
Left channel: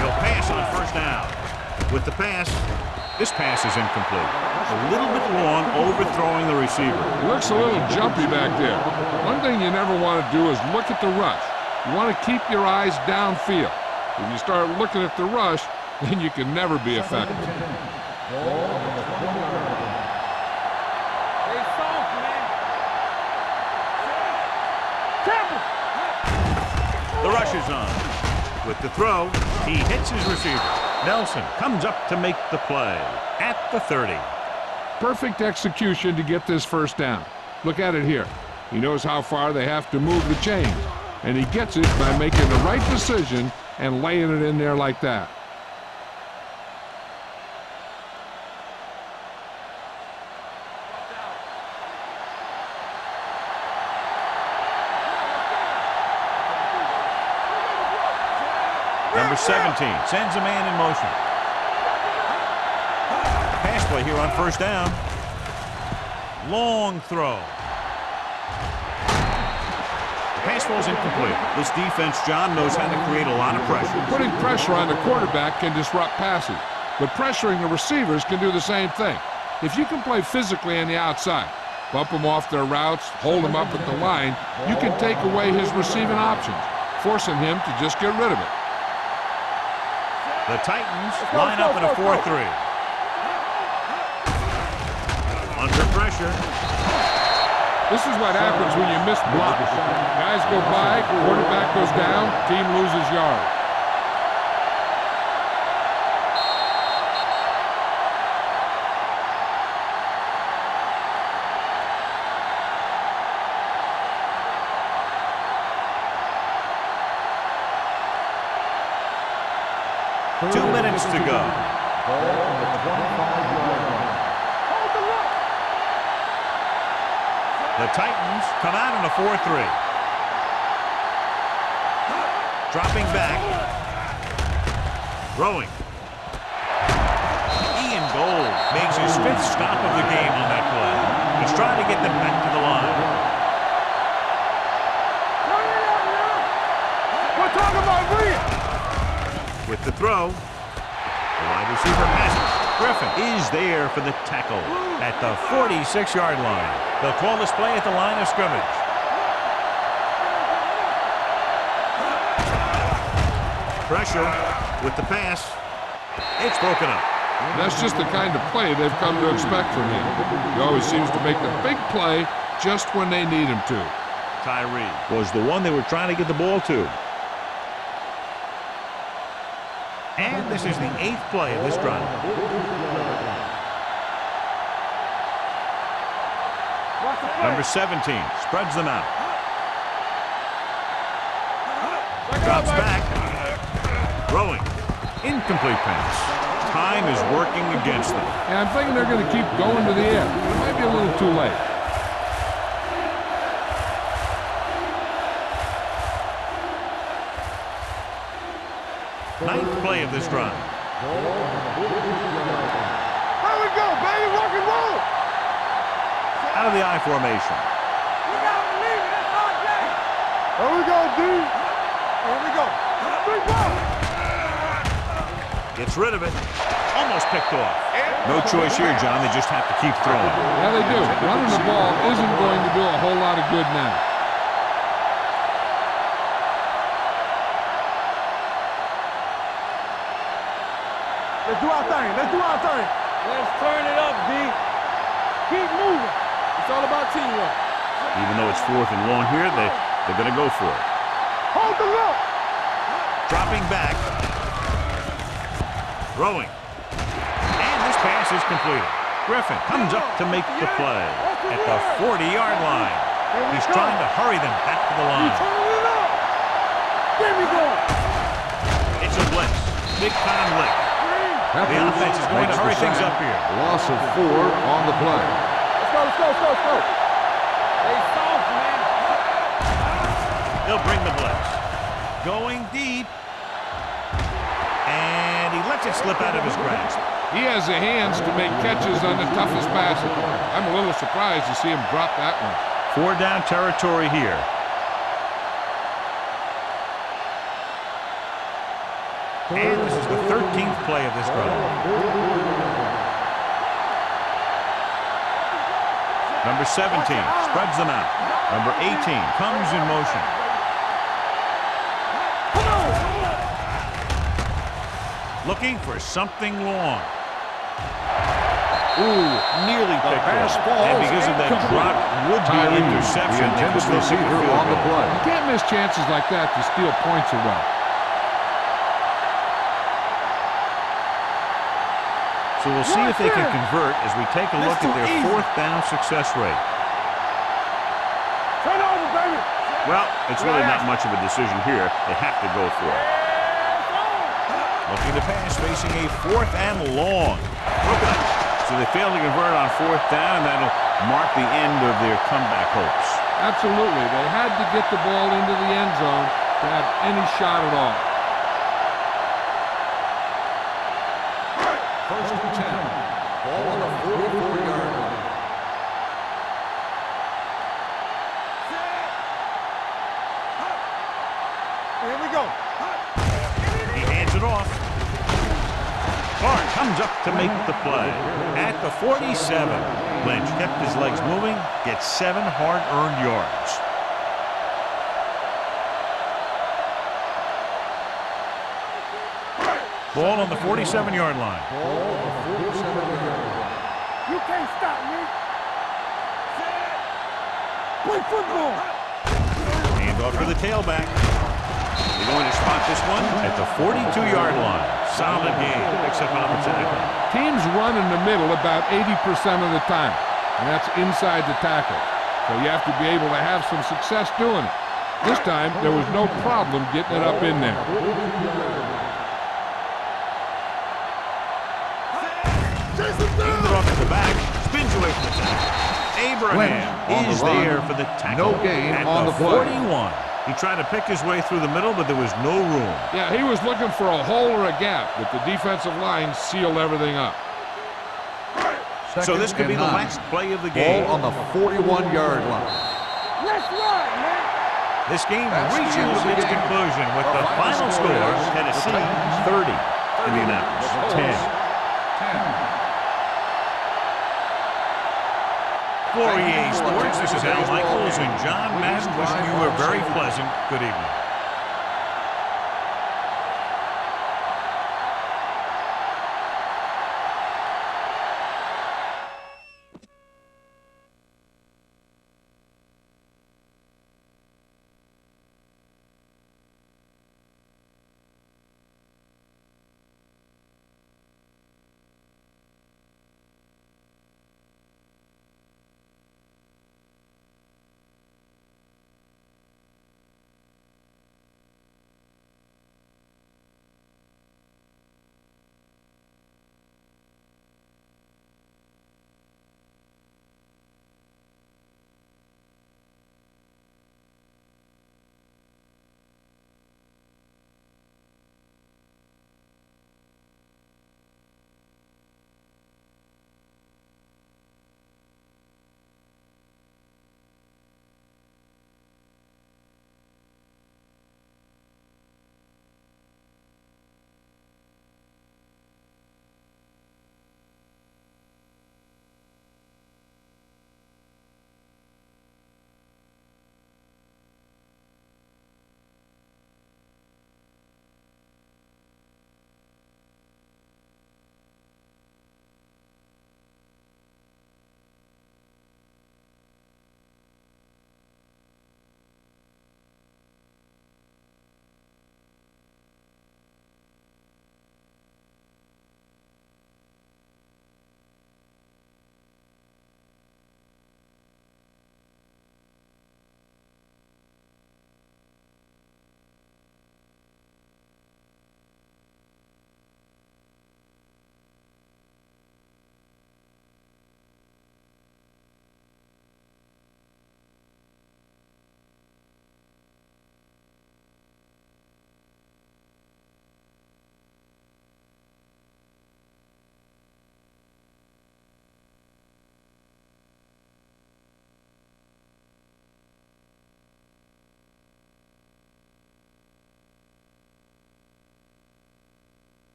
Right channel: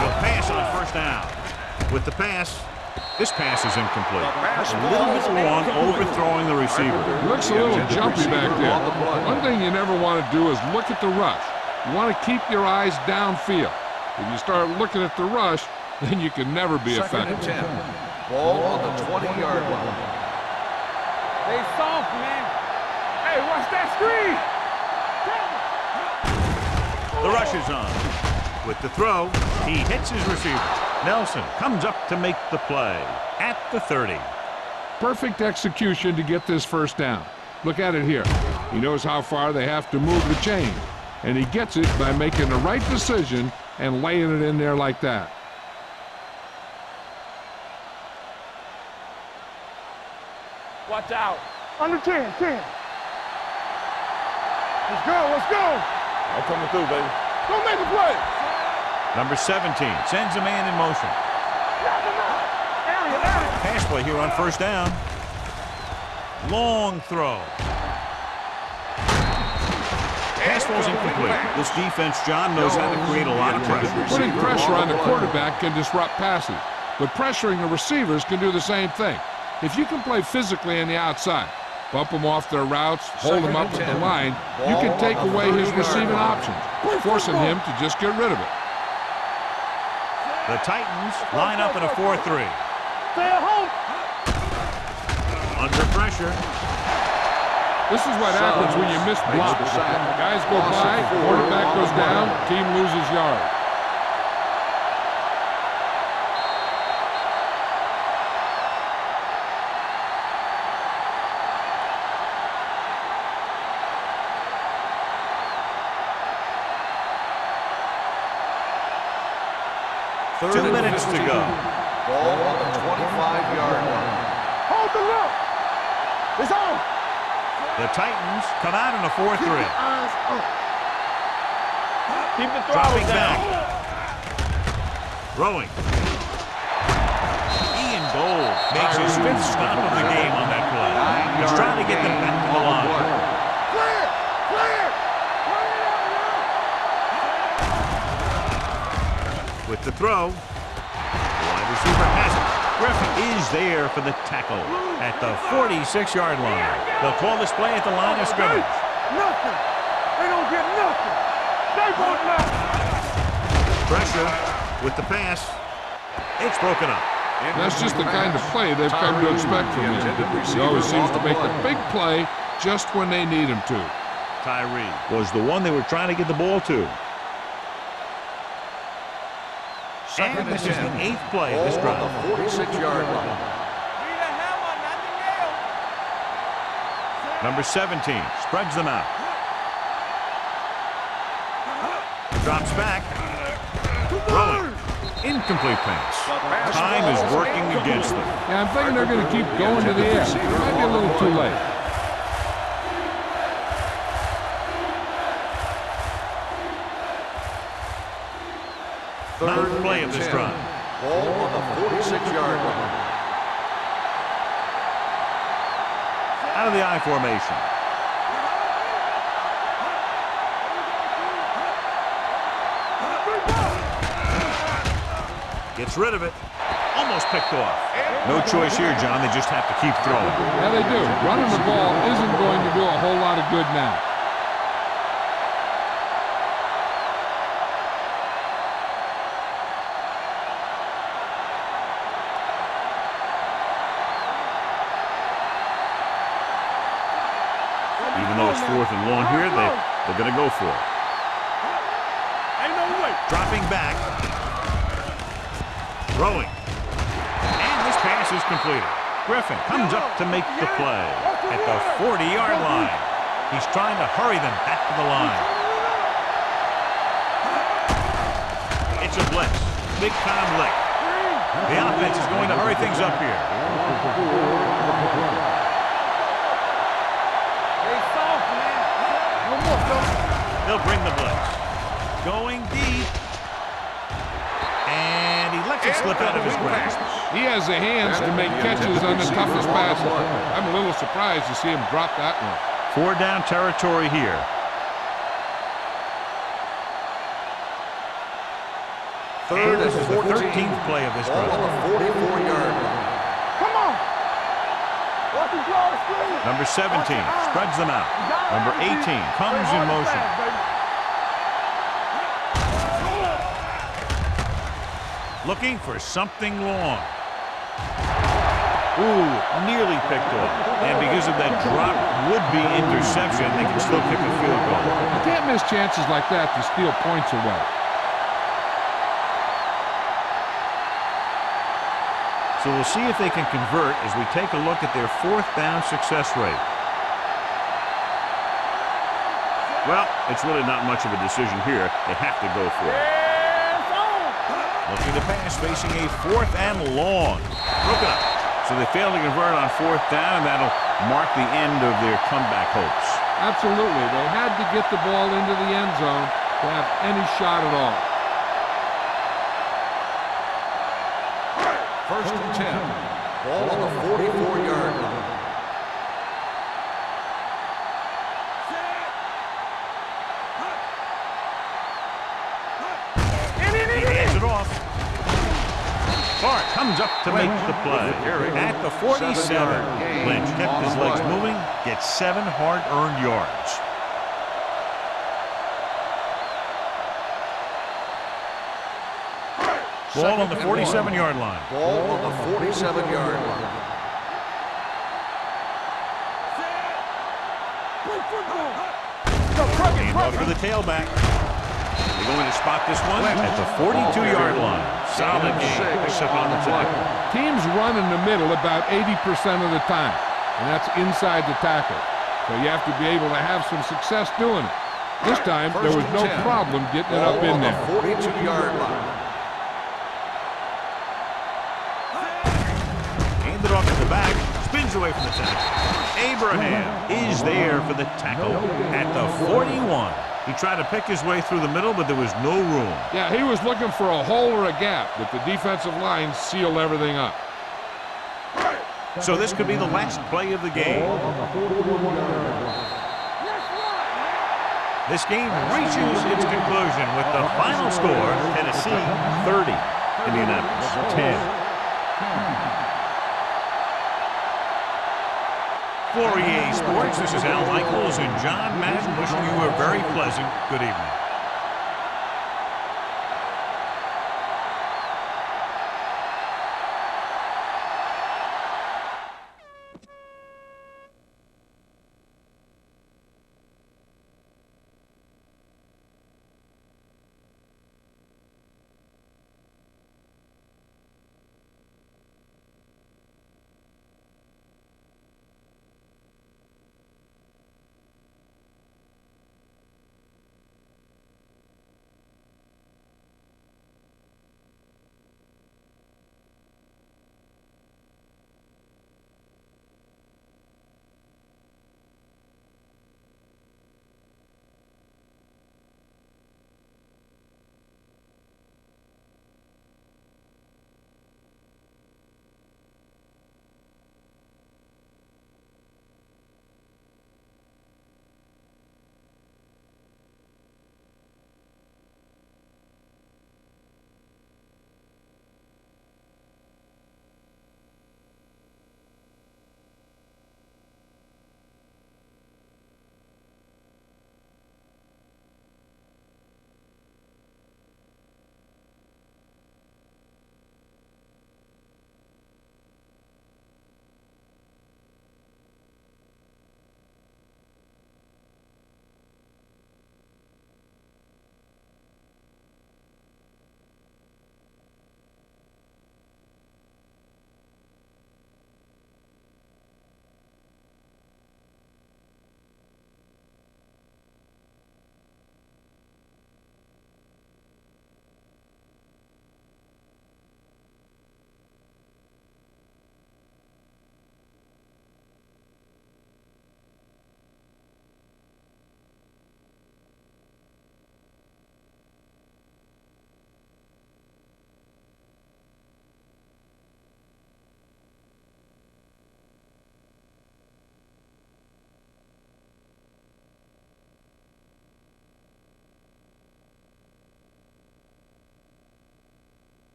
They'll pass on 1st down. With the pass, this pass is incomplete. A little bit long, overthrowing the receiver. He looks a little jumpy back there. One thing you never want to do is look at the rush. You want to keep your eyes downfield. If you start looking at the rush, then you can never be effective. 2nd and 10. Ball on the 20-yard line. Stay soft, man. Hey, watch that screen. Temple. The rush is on. With the throw, he hits his receiver. Nelson comes up to make the play at the 30. Perfect execution to get this 1st down. Look at it here. He knows how far they have to move the chains, and he gets it by making the right decision and laying it in there like that. Watch out. Under 10, 10. Let's go, let's go. I'm coming through, baby. We'll make a play. Number 17 sends a man in motion. Pass play here on 1st down. Long throw. Pass ball's incomplete. This defense, John, knows how to create a lot of pressure. Putting pressure on the quarterback can disrupt passes, but pressuring the receivers can do the same thing. If you can play physically on the outside, bump them off their routes, hold them up at the line, you can take away his receiving options, forcing him to just get rid of it. The Titans line up in a 4-3. Under pressure. This is what happens when you miss blocks. Guys go by, quarterback goes down, team loses yards. Two minutes to go. Hold the look. It's on. The Titans come out in a 4-3. Dropping back. Throwing. Ian Gold makes his 5th stop of the game on that play. He's trying to get them back to the line. Clear. Clear. Turn it up now. We're talking about clear. With the throw, the wide receiver has it. Griffin is there for the tackle at the 46-yard line. They'll call this play at the line of scrimmage. Nothing. They don't get nothing. They don't. Pressure with the pass. It's broken up. That's just the kind of play they've come to expect from him. He always seems to make the big play just when they need him to. Tyree was the one they were trying to get the ball to. And this is the 8th play of this drive. 46-yard line. Number 17 spreads them out. Drops back. Throwing. Incomplete pass. Time is working against them. Yeah, I'm thinking they're going to keep going to the air. It might be a little too late. Ninth play of this drive. Ball on the 46-yard line. Here we go, baby. Rock and roll. Out of the I formation. Here we go, dude. Here we go. Big ball. Gets rid of it. Almost picked off. No choice here, John. They just have to keep throwing. Yeah, they do. Running the ball isn't going to do a whole lot of good now. Let's do our thing. Let's do our thing. Let's turn it up, D. Keep moving. It's all about teamwork. Even though it's 4th and long here, they're going to go for it. Hold the look. Ain't no way. Dropping back. Throwing. And this pass is completed. Griffin comes up to make the play at the 40-yard line. He's trying to hurry them back to the line. It's a blitz. Big time lick. The offense is going to hurry things up here. Loss of 4 on the play. They soft, man. They'll bring the blitz. Going deep. And he lets it slip out of his grasp. He has the hands to make catches on the toughest passes. I'm a little surprised to see him drop that one. 4 down territory here. And this is the 13th play of this drive. Number 17 spreads them out. Number 18 comes in motion. Looking for something long. Ooh, nearly picked off. And because of that drop would-be interception, they can still kick a field goal. You can't miss chances like that to steal points away. So we'll see if they can convert as we take a look at their 4th down success rate. Well, it's really not much of a decision here. They have to go for it. Looking to pass, facing a 4th and long. Broken up. So they fail to convert on 4th down, and that'll mark the end of their comeback hopes. Absolutely. They had to get the ball into the end zone to have any shot at all. 1st and 10. Ball on the 44-yard line. Here we go. He hands it off. Clark comes up to make the play. At the 47, Lynch kept his legs moving, gets 7 hard-earned yards. Ball on the 47-yard line. Ball on the 47-yard line. You can't stop me. Play football. Hand off for the tailback. They're going to spot this one at the 42-yard line. Solid game. Picks up on the tackle. Teams run in the middle about 80% of the time, and that's inside the tackle. So you have to be able to have some success doing it. This time, there was no problem getting it up in there. 42-yard line. Handed off at the back. Spins away from the tackle. Abraham is there for the tackle at the 41. He tried to pick his way through the middle, but there was no room. Yeah, he was looking for a hole or a gap, but the defensive line sealed everything up. So this could be the last play of the game. Ball on the 41-yard line. Let's run, man. This game reaches its conclusion with the final score, Tennessee 30, Indianapolis 10. For EA Sports, this is Al Michaels and John Madden wishing you a very pleasant good evening.